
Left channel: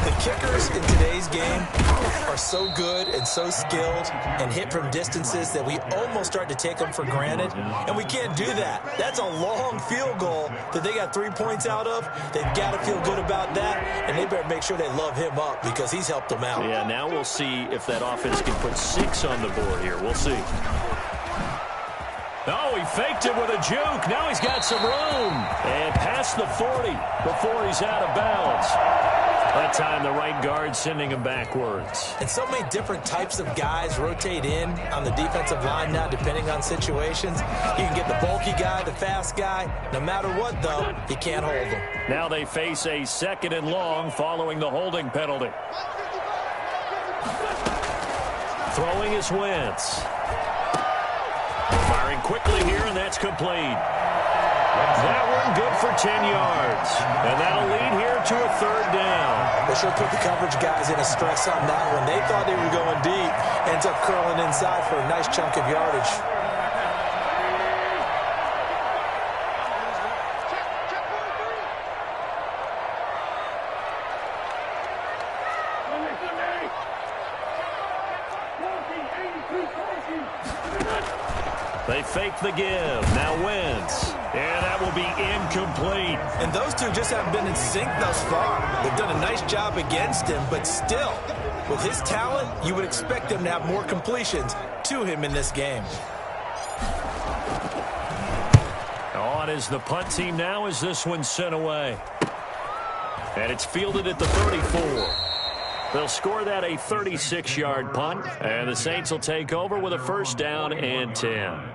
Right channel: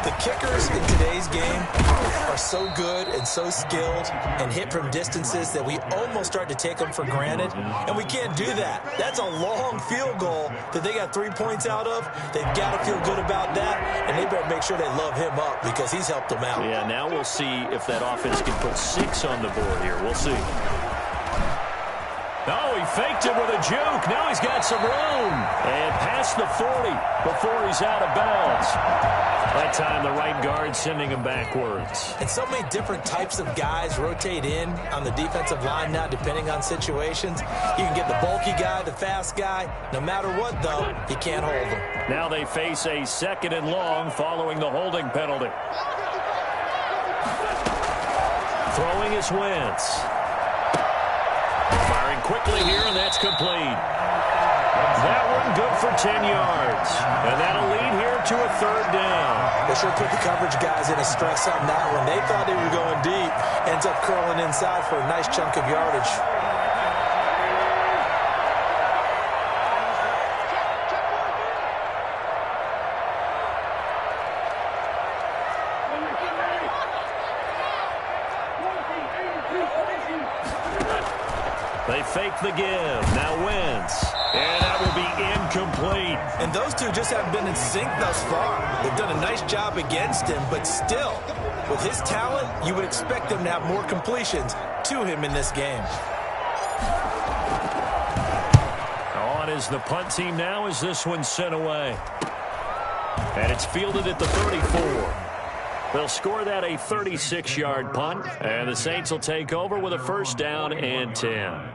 The kickers in today's game are so good and so skilled and hit from distances that we almost start to take them for granted. And we can't do that. That's a long field goal that they got 3 points out of. They've got to feel good about that. And they better make sure they love him up because he's helped them out. Yeah, now we'll see if that offense can put 6 on the board here. We'll see. Oh, he faked it with a juke. Now he's got some room. And past the 40 before he's out of bounds. That time the right guard sending him backwards. And so many different types of guys rotate in on the defensive line now depending on situations. You can get the bulky guy, the fast guy. No matter what, though, you can't hold them. Now they face a 2nd and long following the holding penalty. Throwing is Wentz. Firing quickly here, and that's complete. That one good for 10 yards. And that'll lead here to a third down. They sure put the coverage guys in a stress on that one. They thought they were going deep. Ends up curling inside for a nice chunk of yardage. They fake the give. Now Wentz. And that will be incomplete. And those two just haven't been in sync thus far. They've done a nice job against him, but still, with his talent, you would expect them to have more completions to him in this game. On is the punt team now as this one's sent away. And it's fielded at the 34. They'll score that a 36-yard punt, and the Saints will take over with a 1st down and 10.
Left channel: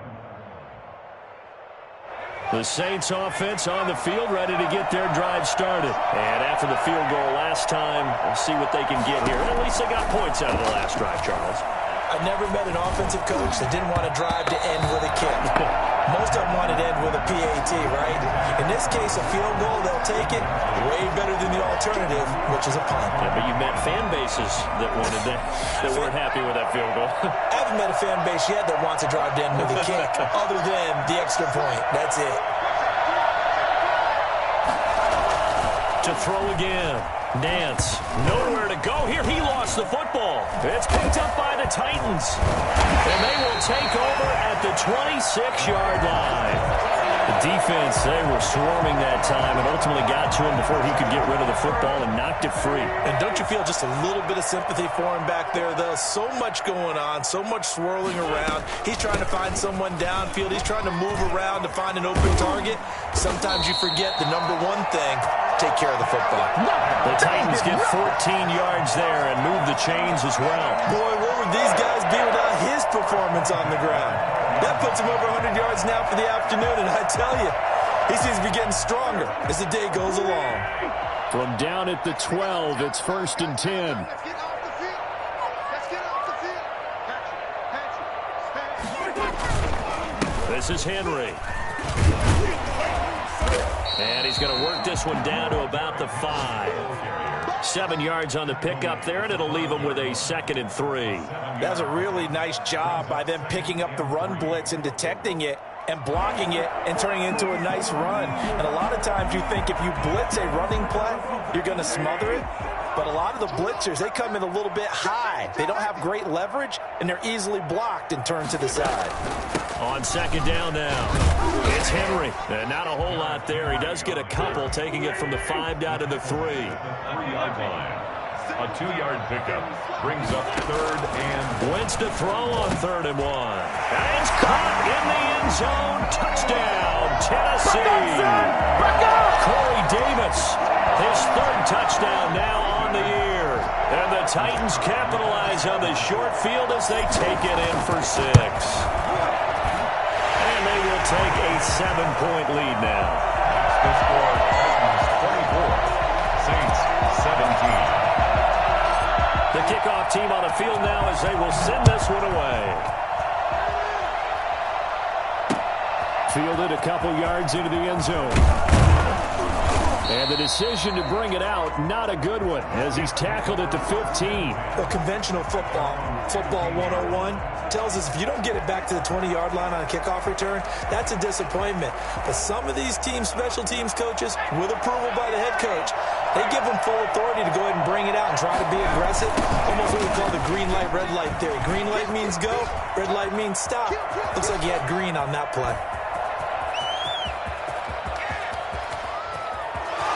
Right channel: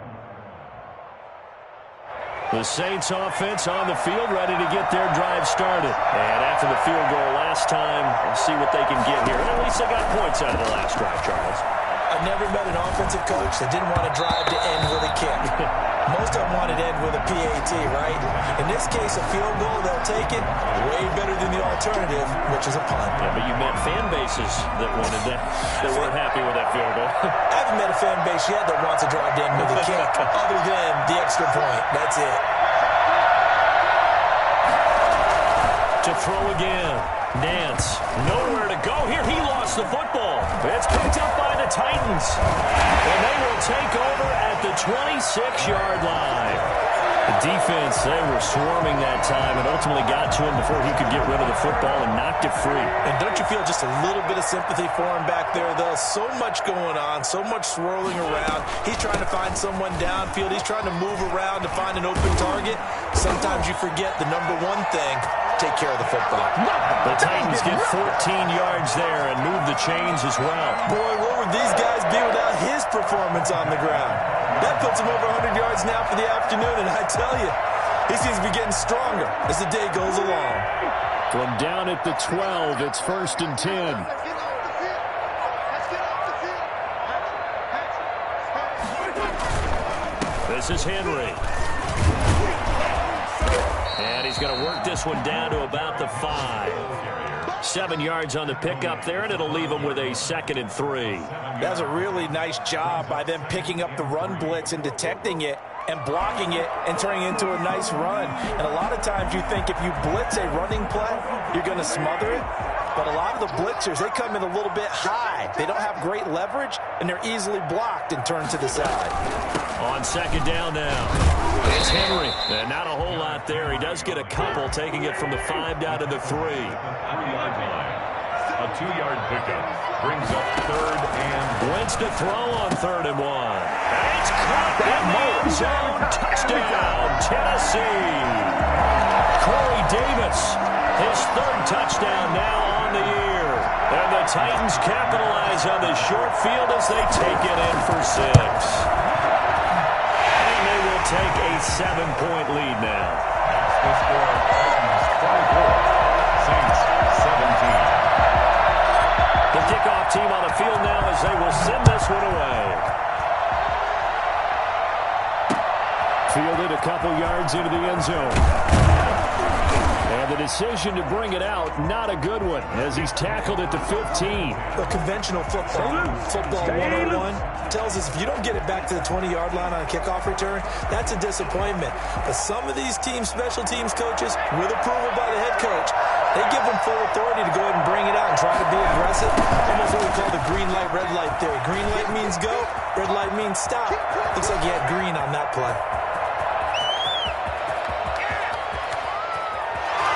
The Saints offense on the field, ready to get their drive started. And after the field goal last time, we'll see what they can get here. And at least they got points out of the last drive, Charles. I've never met an offensive coach that didn't want to drive to end with a kick. Most of them wanted to end with a PAT, right? In this case, a field goal, they'll take it way better than the alternative, which is a punt. Yeah, but you met fan bases that wanted that weren't happy with that field goal. I haven't met a fan base yet that wants to drive to end with a kick, other than the extra point. That's it. To throw again. Nance, nowhere to go here. He lost the football. It's picked up by the Titans. And they will take over at the 26-yard line. The defense, they were swarming that time and ultimately got to him before he could get rid of the football and knocked it free. And don't you feel just a little bit of sympathy for him back there, though? So much going on, so much swirling around. He's trying to find someone downfield. He's trying to move around to find an open target. Sometimes you forget the number one thing. Take care of the football. The Titans get 14 yards there and move the chains as well. Boy, where would these guys be without his performance on the ground? That puts him over 100 yards now for the afternoon, and I tell you, he seems to be getting stronger as the day goes along. From down at the 12, it's 1st and 10. Let's get off the field. Let's get off the field. This is Henry. And he's going to work this one down to about the 5. 7 yards on the pickup there, and it'll leave him with a 2nd and 3. That's a really nice job by them picking up the run blitz and detecting it. and blocking it and turning it into a nice run. And a lot of times you think if you blitz a running play, you're going to smother it. But a lot of the blitzers, they come in a little bit high. They don't have great leverage, and they're easily blocked and turned to the side. On second down now, it's Henry. And not a whole lot there. He does get a couple, taking it from the 5 down to the 3. 3-yard line. A 2-yard pickup brings up 3rd and... Wentz to throw on 3rd and 1. And it's caught in the end zone. Touchdown, Tennessee. Corey Davis, his 3rd touchdown now on the year. And the Titans capitalize on the short field as they take it in for 6. And they will take a 7-point lead now. That's the score. Titans 24, Saints 17. The kickoff team on the field now as they will send this one away. Fielded a couple yards into the end zone. And the decision to bring it out, not a good one, as he's tackled at the 15. The conventional football 101, tells us if you don't get it back to the 20-yard line on a kickoff return, that's a disappointment. But some of these special teams coaches, with approval by the head coach, they give them full authority to go ahead and bring it out and try to be aggressive. Almost what we call the green light, red light theory. Green light means go, red light means stop. Looks like he had green on that play.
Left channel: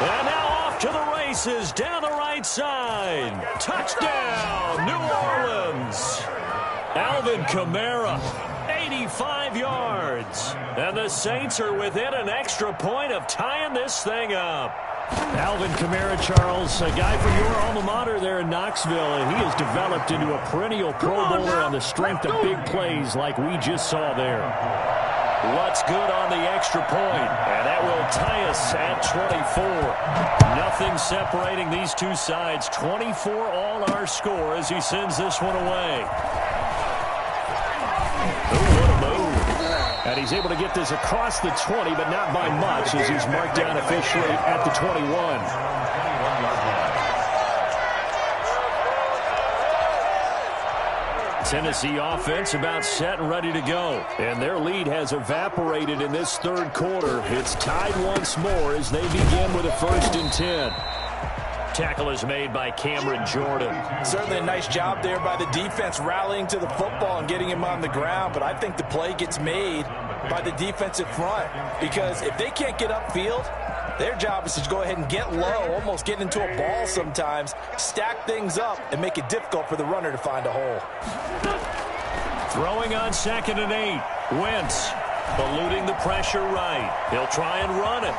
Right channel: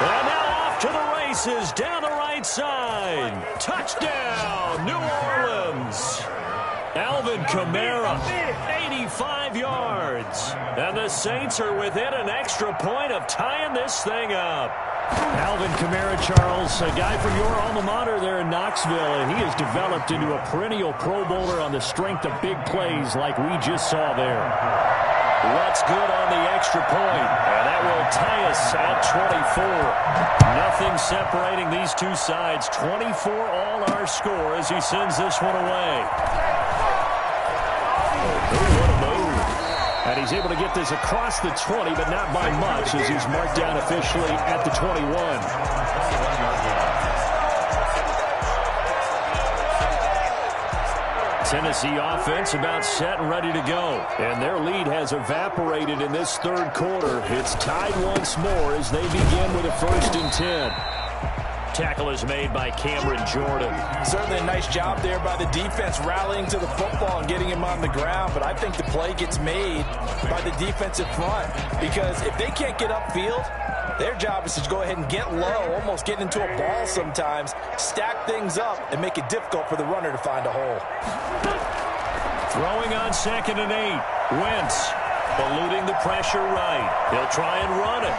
And now off to the races down the right side. Touchdown, New Orleans. Alvin Kamara, 85 yards. And the Saints are within an extra point of tying this thing up. Alvin Kamara, Charles, a guy from your alma mater there in Knoxville, and he has developed into a perennial Pro Bowler on the strength of big plays like we just saw there. What's good on the extra point, and that will tie us at 24. Nothing separating these two sides. 24 all our score as he sends this one away. Ooh, what a move. And he's able to get this across the 20, but not by much as he's marked down officially at the 21. 21-yard line. Tennessee offense about set and ready to go. And their lead has evaporated in this 3rd quarter. It's tied once more as they begin with a 1st and 10. Tackle is made by Cameron Jordan. Certainly a nice job there by the defense rallying to the football and getting him on the ground. But I think the play gets made by the defensive front. Because if they can't get upfield, their job is to go ahead and get low, almost get into a ball sometimes, stack things up, and make it difficult for the runner to find a hole. Throwing on 2nd and 8. Wentz eluding the pressure right. He'll try and run it.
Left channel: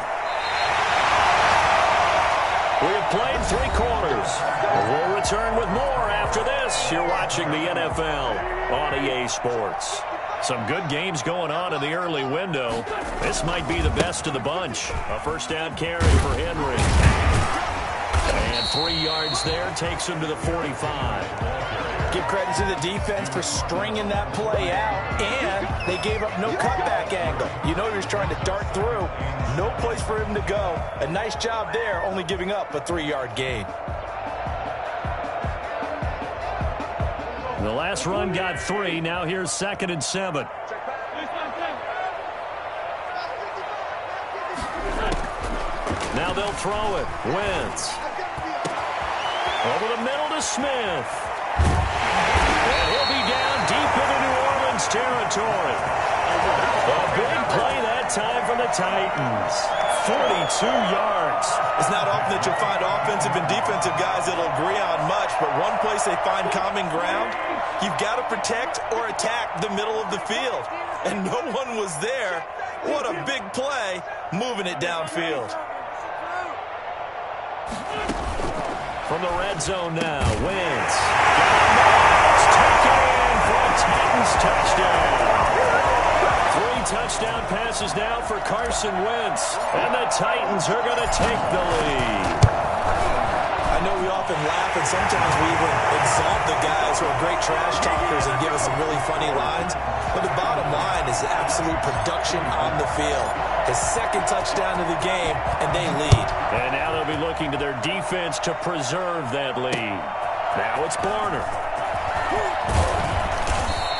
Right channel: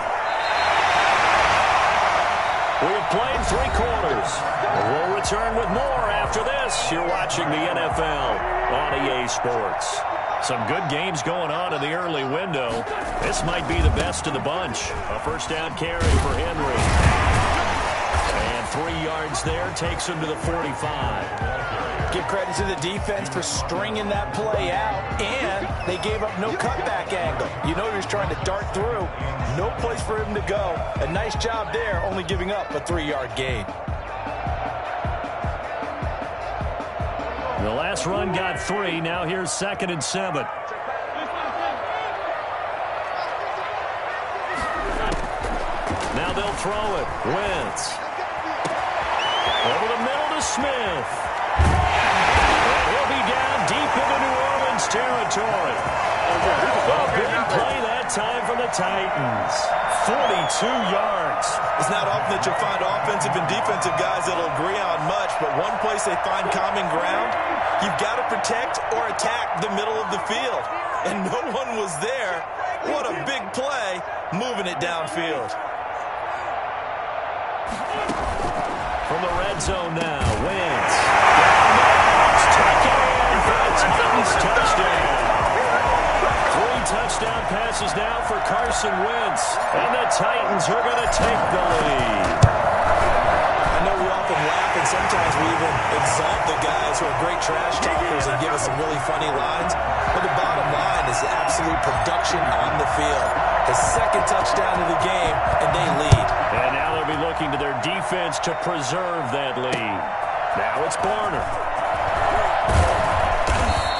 We have played 3 quarters. We'll return with more after this. You're watching the NFL on EA Sports. Some good games going on in the early window. This might be the best of the bunch. A 1st down carry for Henry. And 3 yards there takes him to the 45. Give credit to the defense for stringing that play out, and they gave up no cutback angle. You know he was trying to dart through. No place for him to go. A nice job there, only giving up a 3-yard gain. The last run got 3. Now here's 2nd and 7. Now they'll throw it. Wentz. Over the middle to Smith. And he'll be down deep into New Orleans territory. A big play that time from the Titans. 42 yards. It's not often that you'll find offensive and defensive guys that'll agree on much, but one place they find common ground, you've got to protect or attack the middle of the field. And no one was there. What a big play, moving it downfield. From the red zone now, Wentz. Down there, it's taken in for a Titans touchdown. 3 touchdown passes now for Carson Wentz. And the Titans are going to take the lead. I know we often laugh and sometimes we even exalt the guys who are great trash talkers and give us some really funny lines. But the bottom line is absolute production on the field. His 2nd touchdown of the game, and they lead. And now they'll be looking to their defense to preserve that lead. Now it's Barner.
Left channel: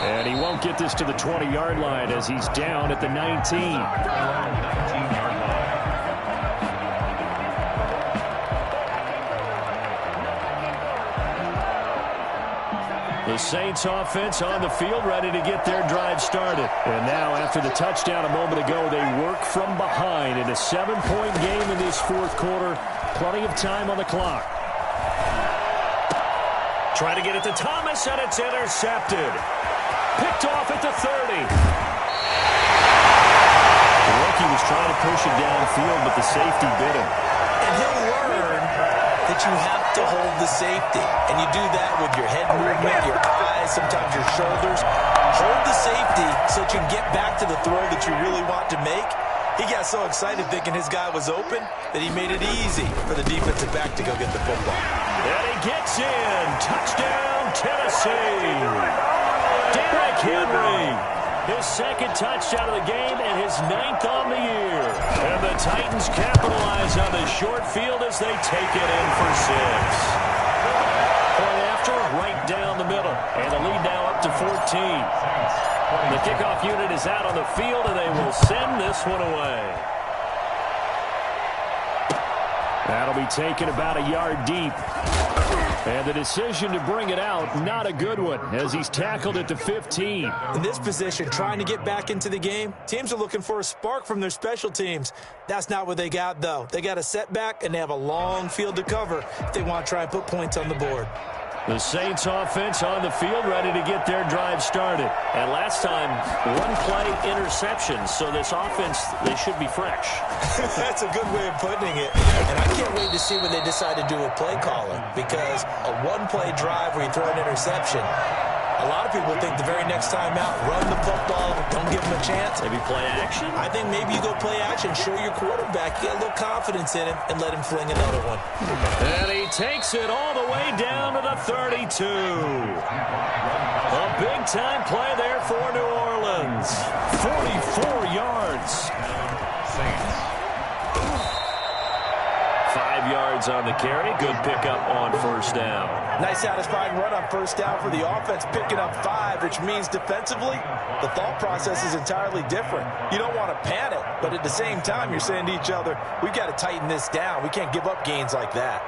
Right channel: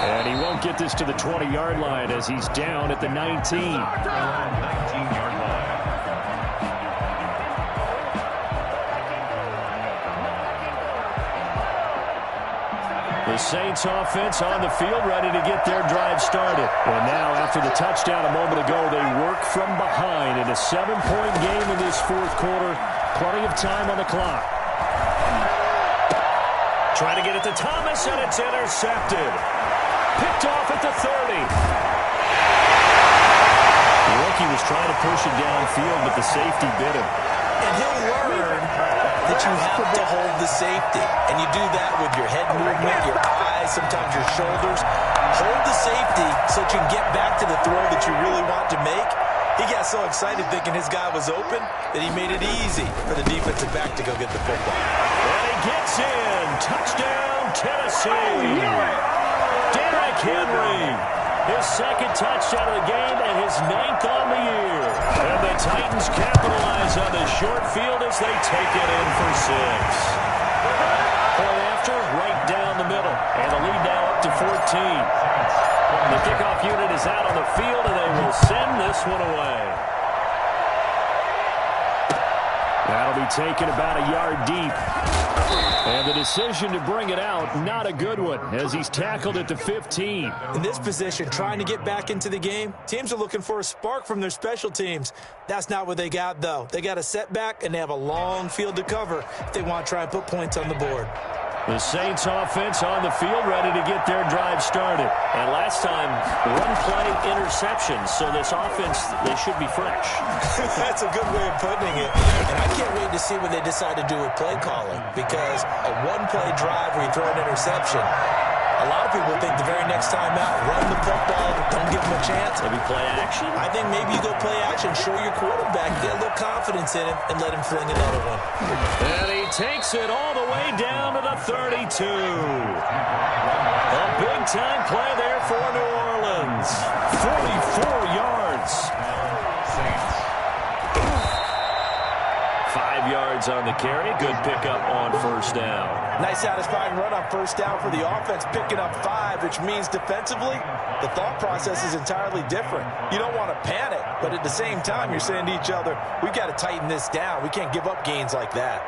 And he won't get this to the 20-yard line as he's down at the 19. 19-yard line. The Saints offense on the field, ready to get their drive started. And now, after the touchdown a moment ago, they work from behind in a 7-point game in this fourth quarter. Plenty of time on the clock. Trying to get it to Thomas, and it's intercepted. Picked off at the 30. The rookie was trying to push it downfield, but the safety bit him. And he'll learn that you have to hold the safety. And you do that with your head movement, your eyes, sometimes your shoulders. Hold the safety so that you can get back to the throw that you really want to make. He got so excited thinking his guy was open that he made it easy for the defensive back to go get the football. And he gets in. Touchdown, Tennessee. Derrick Henry. His second touchdown of the game and his 9th on the year. And the Titans capitalize on the short field as they take it in for 6. Point after, right down the middle. And the lead now up to 14. The kickoff unit is out on the field, and they will send this one away. That'll be taken about a yard deep. And the decision to bring it out, not a good one, as he's tackled at the 15. In this position, trying to get back into the game, teams are looking for a spark from their special teams. That's not what they got, though. They got a setback, and they have a long field to cover if they want to try and put points on the board. The Saints offense on the field, ready to get their drive started. And last time, run play interceptions, so this offense, they should be fresh. That's a good way of putting it. And I can't wait to see what they decide to do with play calling, because a one-play drive where you throw an interception, a lot of people think the very next time out, run the football, don't give them a chance. Maybe play action? I think maybe you go play action, show your quarterback, get a little confidence in him, and let him fling another one. And he takes it all the way down to the 32. A big-time play there for New Orleans. 44 yards. Saints. 5 yards on the carry. Good pickup on first down. Nice satisfying run on first down for the offense, picking up 5, which means defensively, the thought process is entirely different. You don't want to panic, but at the same time, you're saying to each other, we've got to tighten this down. We can't give up gains like that.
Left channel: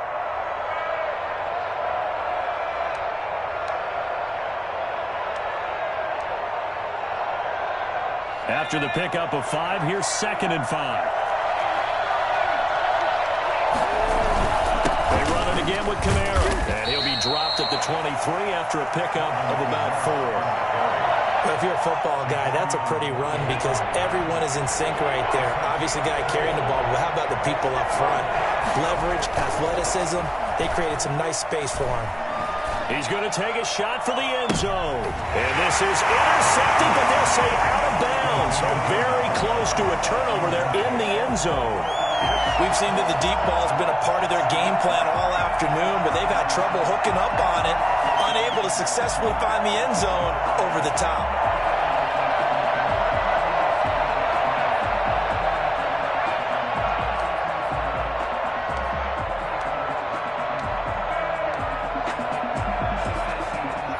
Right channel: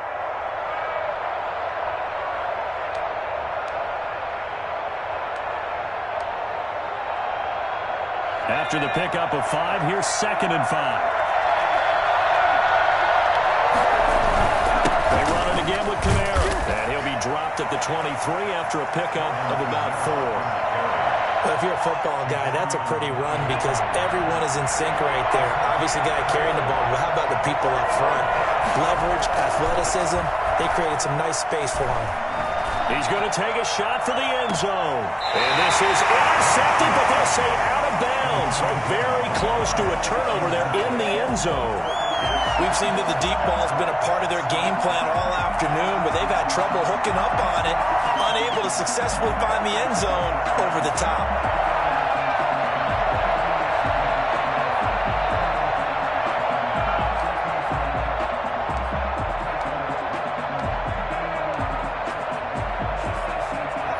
After the pickup of 5, here's 2nd and 5. They run it again with Kamara, and he'll be dropped at the 23 after a pickup of about 4. Well, if you're a football guy, that's a pretty run because everyone is in sync right there. Obviously, the guy carrying the ball, but how about the people up front? Leverage, athleticism, they created some nice space for him. He's going to take a shot for the end zone. And this is intercepted, but they'll say out of bounds. So very close to a turnover there in the end zone. We've seen that the deep ball has been a part of their game plan all afternoon, but they've had trouble hooking up on it, unable to successfully find the end zone over the top.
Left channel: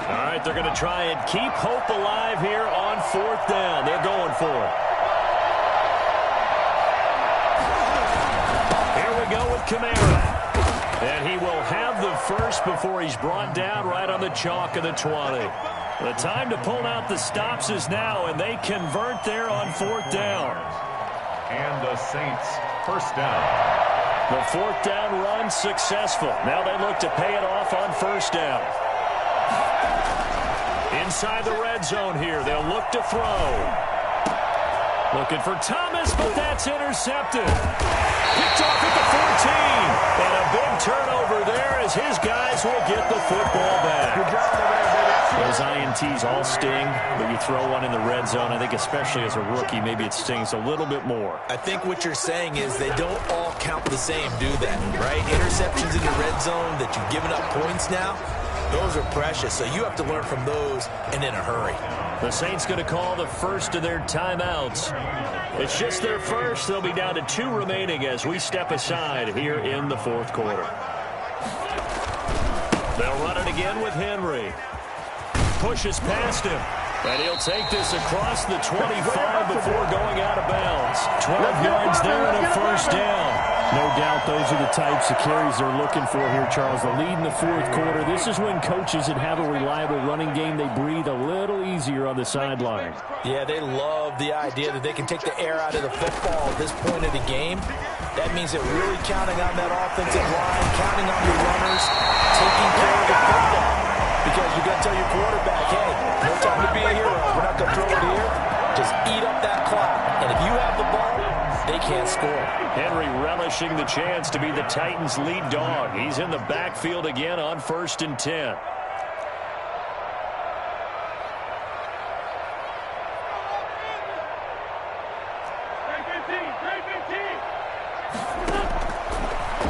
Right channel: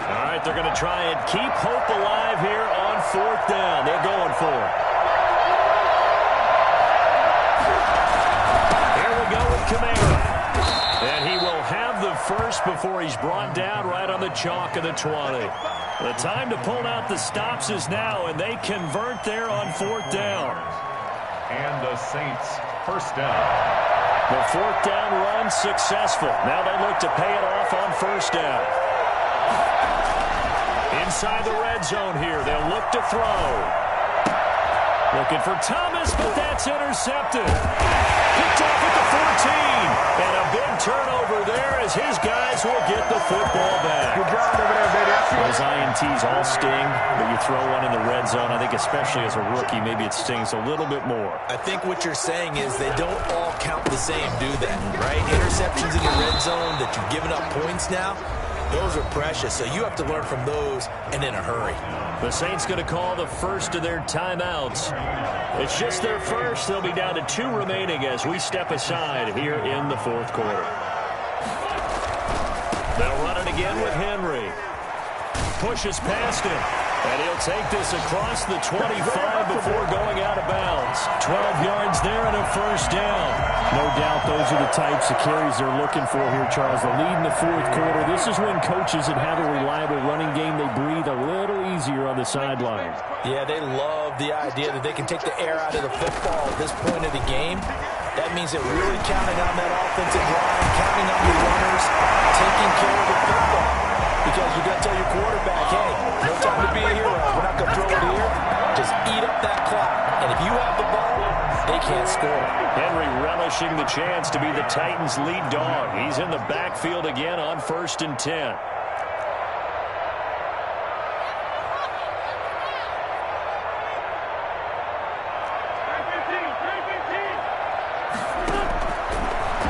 All right, they're going to try and keep hope alive here on 4th down. They're going for it. Go with Kamara. And he will have the first before he's brought down right on the chalk of the 20. The time to pull out the stops is now, and they convert there on 4th down. And the Saints, first down. The 4th down run successful. Now they look to pay it off on 1st down. Inside the red zone here, they'll look to throw. Looking for Thomas, but that's intercepted. Picked off at the 14. And a big turnover there as his guys will get the football back. Good job over there, baby. Those INTs all sting, but you throw one in the red zone, I think especially as a rookie, maybe it stings a little bit more. I think what you're saying is they don't all count the same, do they? Right? Interceptions in the red zone that you've given up points now, those are precious. So you have to learn from those and in a hurry. The Saints going to call the first of their timeouts. It's just their first. They'll be down to 2 remaining as we step aside here in the 4th quarter. They'll run it again with Henry. Pushes past him. And he'll take this across the 25 before going out of bounds. 12 yards there and a first down. No doubt those are the types of carries they're looking for here, Charles. The lead in the fourth quarter. This is when coaches that have a reliable running game, they breathe a little easier on the sideline. Yeah, they love the idea that they can take the air out of the football at this point of the game. That means they're really counting on that offensive line, counting on the runners, taking care of the football. Because you're going to tell your quarterback, hey, no time to be a hero. We're not going to throw it here. Just eat up that clock. And if you have the ball, they can't score. Henry relishing the chance to be the Titans' lead dog. He's in the backfield again on 1st and 10.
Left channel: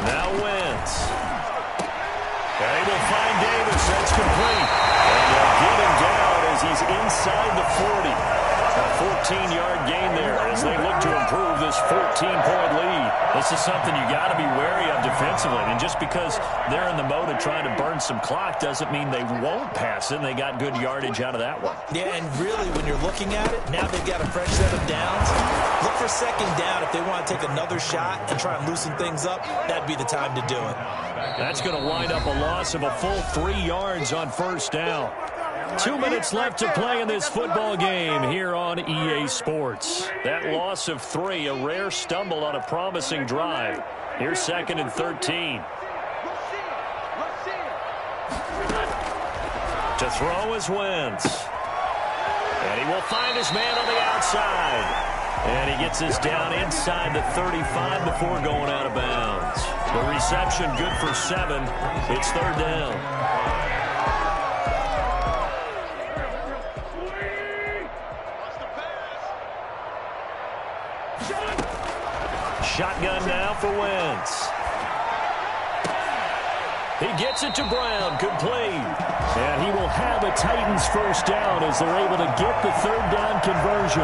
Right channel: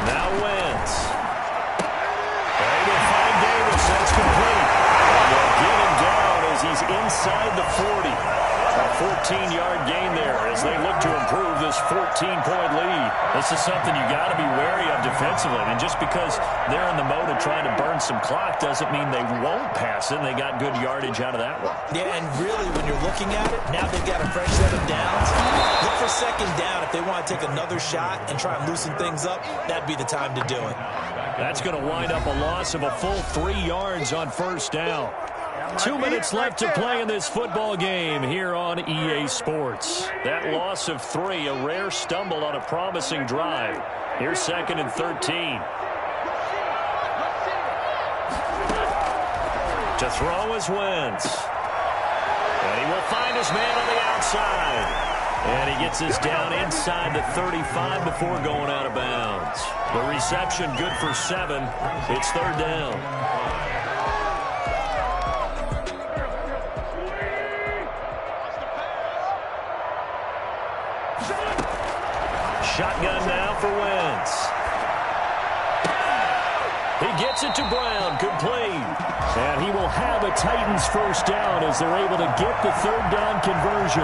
Now Wentz. They will find Davis. That's complete. And they'll get him down as he's inside the 40. A 14-yard gain there as they look to improve this 14-point lead. This is something you got to be wary of defensively. And just because they're in the mode of trying to burn some clock doesn't mean they won't pass it. And they got good yardage out of that one. Yeah, and really, when you're looking at it, now they've got a fresh set of downs. Look for second down if they want to take another shot and try and loosen things up. That'd be the time to do it. That's going to wind up a loss of a full 3 yards on first down. 2 minutes left to play in this football game here on EA Sports. That loss of 3, a rare stumble on a promising drive. Here's 2nd and 13. To throw is Wentz. And he will find his man on the outside. And he gets this down inside the 35 before going out of bounds. The reception good for 7. It's 3rd down. Shotgun now for Wentz. He gets it to Brown, complete. And he will have a Titans first down as they're able to get the 3rd down conversion.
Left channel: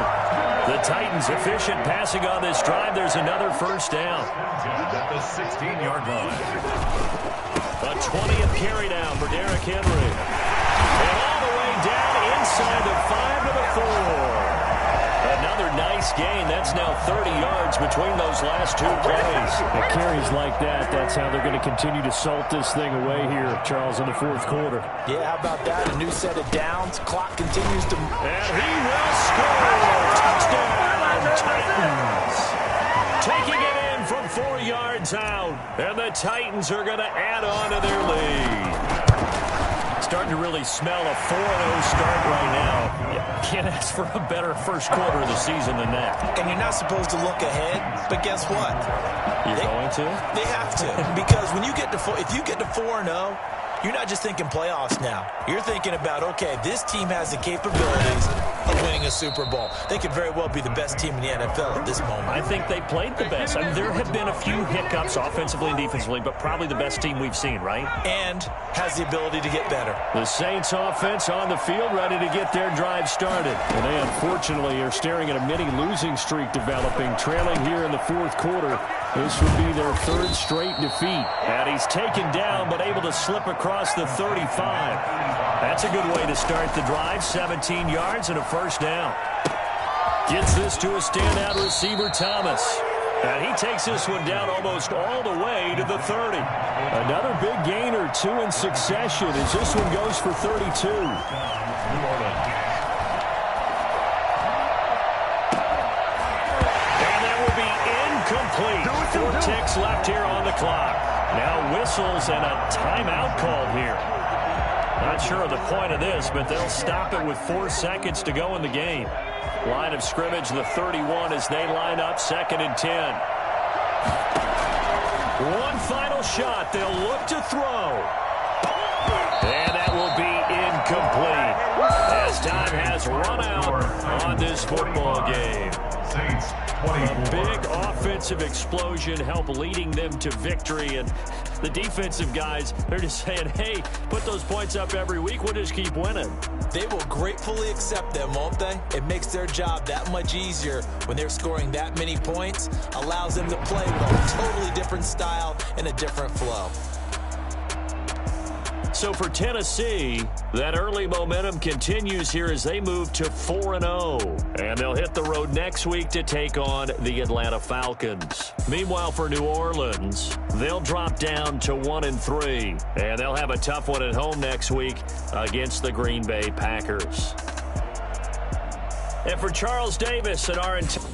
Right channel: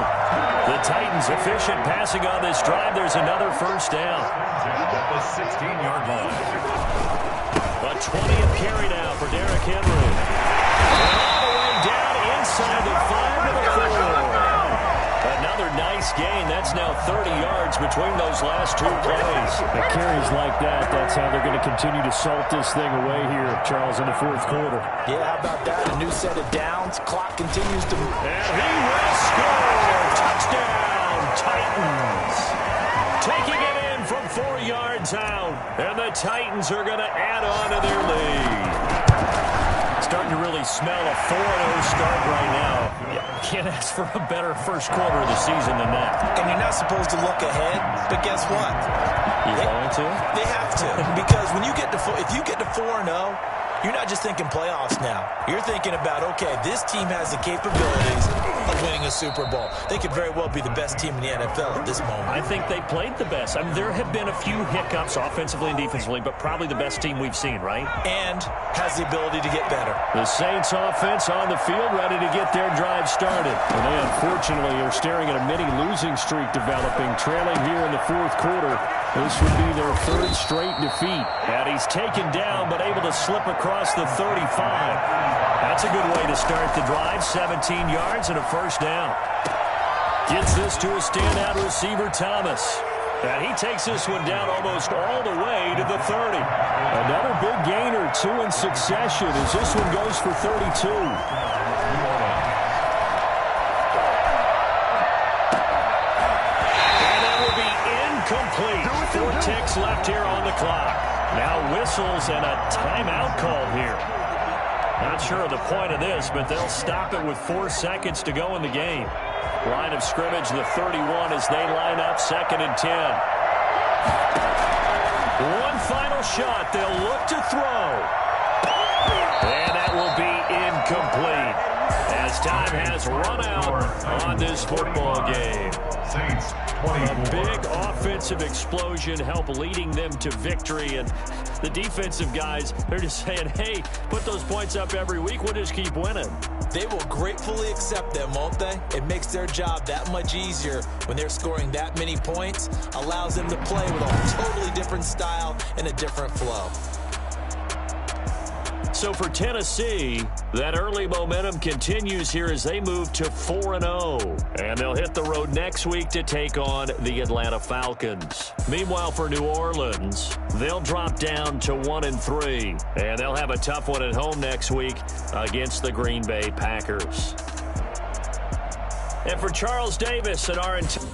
The Titans efficient passing on this drive. There's another first down. At the 16-yard line. A 20th carry now for Derrick Henry. And all the way down inside the 5 to the 4. Another nice gain. That's now 30 yards between those last 2 plays. The carries like that, that's how they're going to continue to salt this thing away here, Charles, in the fourth quarter. Yeah, how about that? A new set of downs. Clock continues to... And he will score. Touchdown, Titans. Taking it in from 4 yards out. And the Titans are going to add on to their lead. Starting to really smell a 4-0 start right now. Can't ask for a better first quarter of the season than that. And you're not supposed to look ahead, but guess what? You're going to? They have to. Because when you get to if you get to 4-0, you're not just thinking playoffs now. You're thinking about, okay, this team has the capabilities of winning a Super Bowl. They could very well be the best team in the NFL at this moment. I think they played the best. I mean, there have been a few hiccups offensively and defensively, but probably the best team we've seen, right? And has the ability to get better. The Saints offense on the field, ready to get their drive started. And they unfortunately are staring at a mini losing streak developing, trailing here in the fourth quarter. This would be their 3rd straight defeat. And he's taken down, but able to slip across the 35. That's a good way to start the drive. 17 yards and a first down. Gets this to a standout receiver, Thomas. And he takes this one down almost all the way to the 30. Another big gain or 2 in succession as this one goes for 32. Complete. 4 ticks left here on the clock. Now whistles and a timeout called here. Not sure of the point of this, but they'll stop it with 4 seconds to go in the game. Line of scrimmage, the 31 as they line up 2nd and 10. One final shot. They'll look to throw. And that will be incomplete as time has run out on this football game. Saints, A big offensive explosion help leading them to victory. And the defensive guys, they're just saying, hey, put those points up every week. We'll just keep winning. They will gratefully accept them, won't they? It makes their job that much easier when they're scoring that many points. Allows them to play with a totally different style and a different flow. So for Tennessee, that early momentum continues here as they move to 4-0. And they'll hit the road next week to take on the Atlanta Falcons. Meanwhile, for New Orleans, they'll drop down to 1-3. And they'll have a tough one at home next week against the Green Bay Packers. And for Charles Davis and our entire...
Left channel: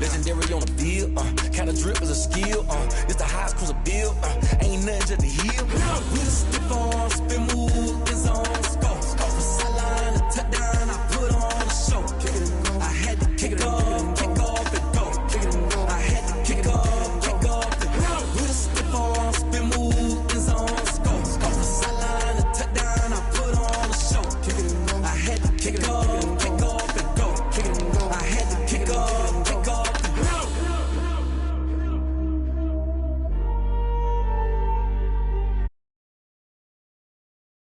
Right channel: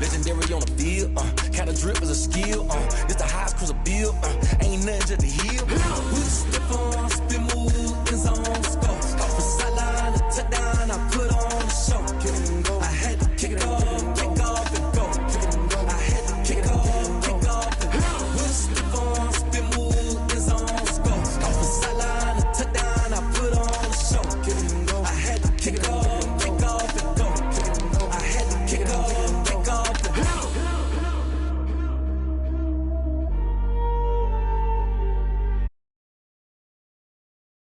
Legendary on the field, kind of drip is a skill, it's the highest cruiser bill, ain't nothing just to heal.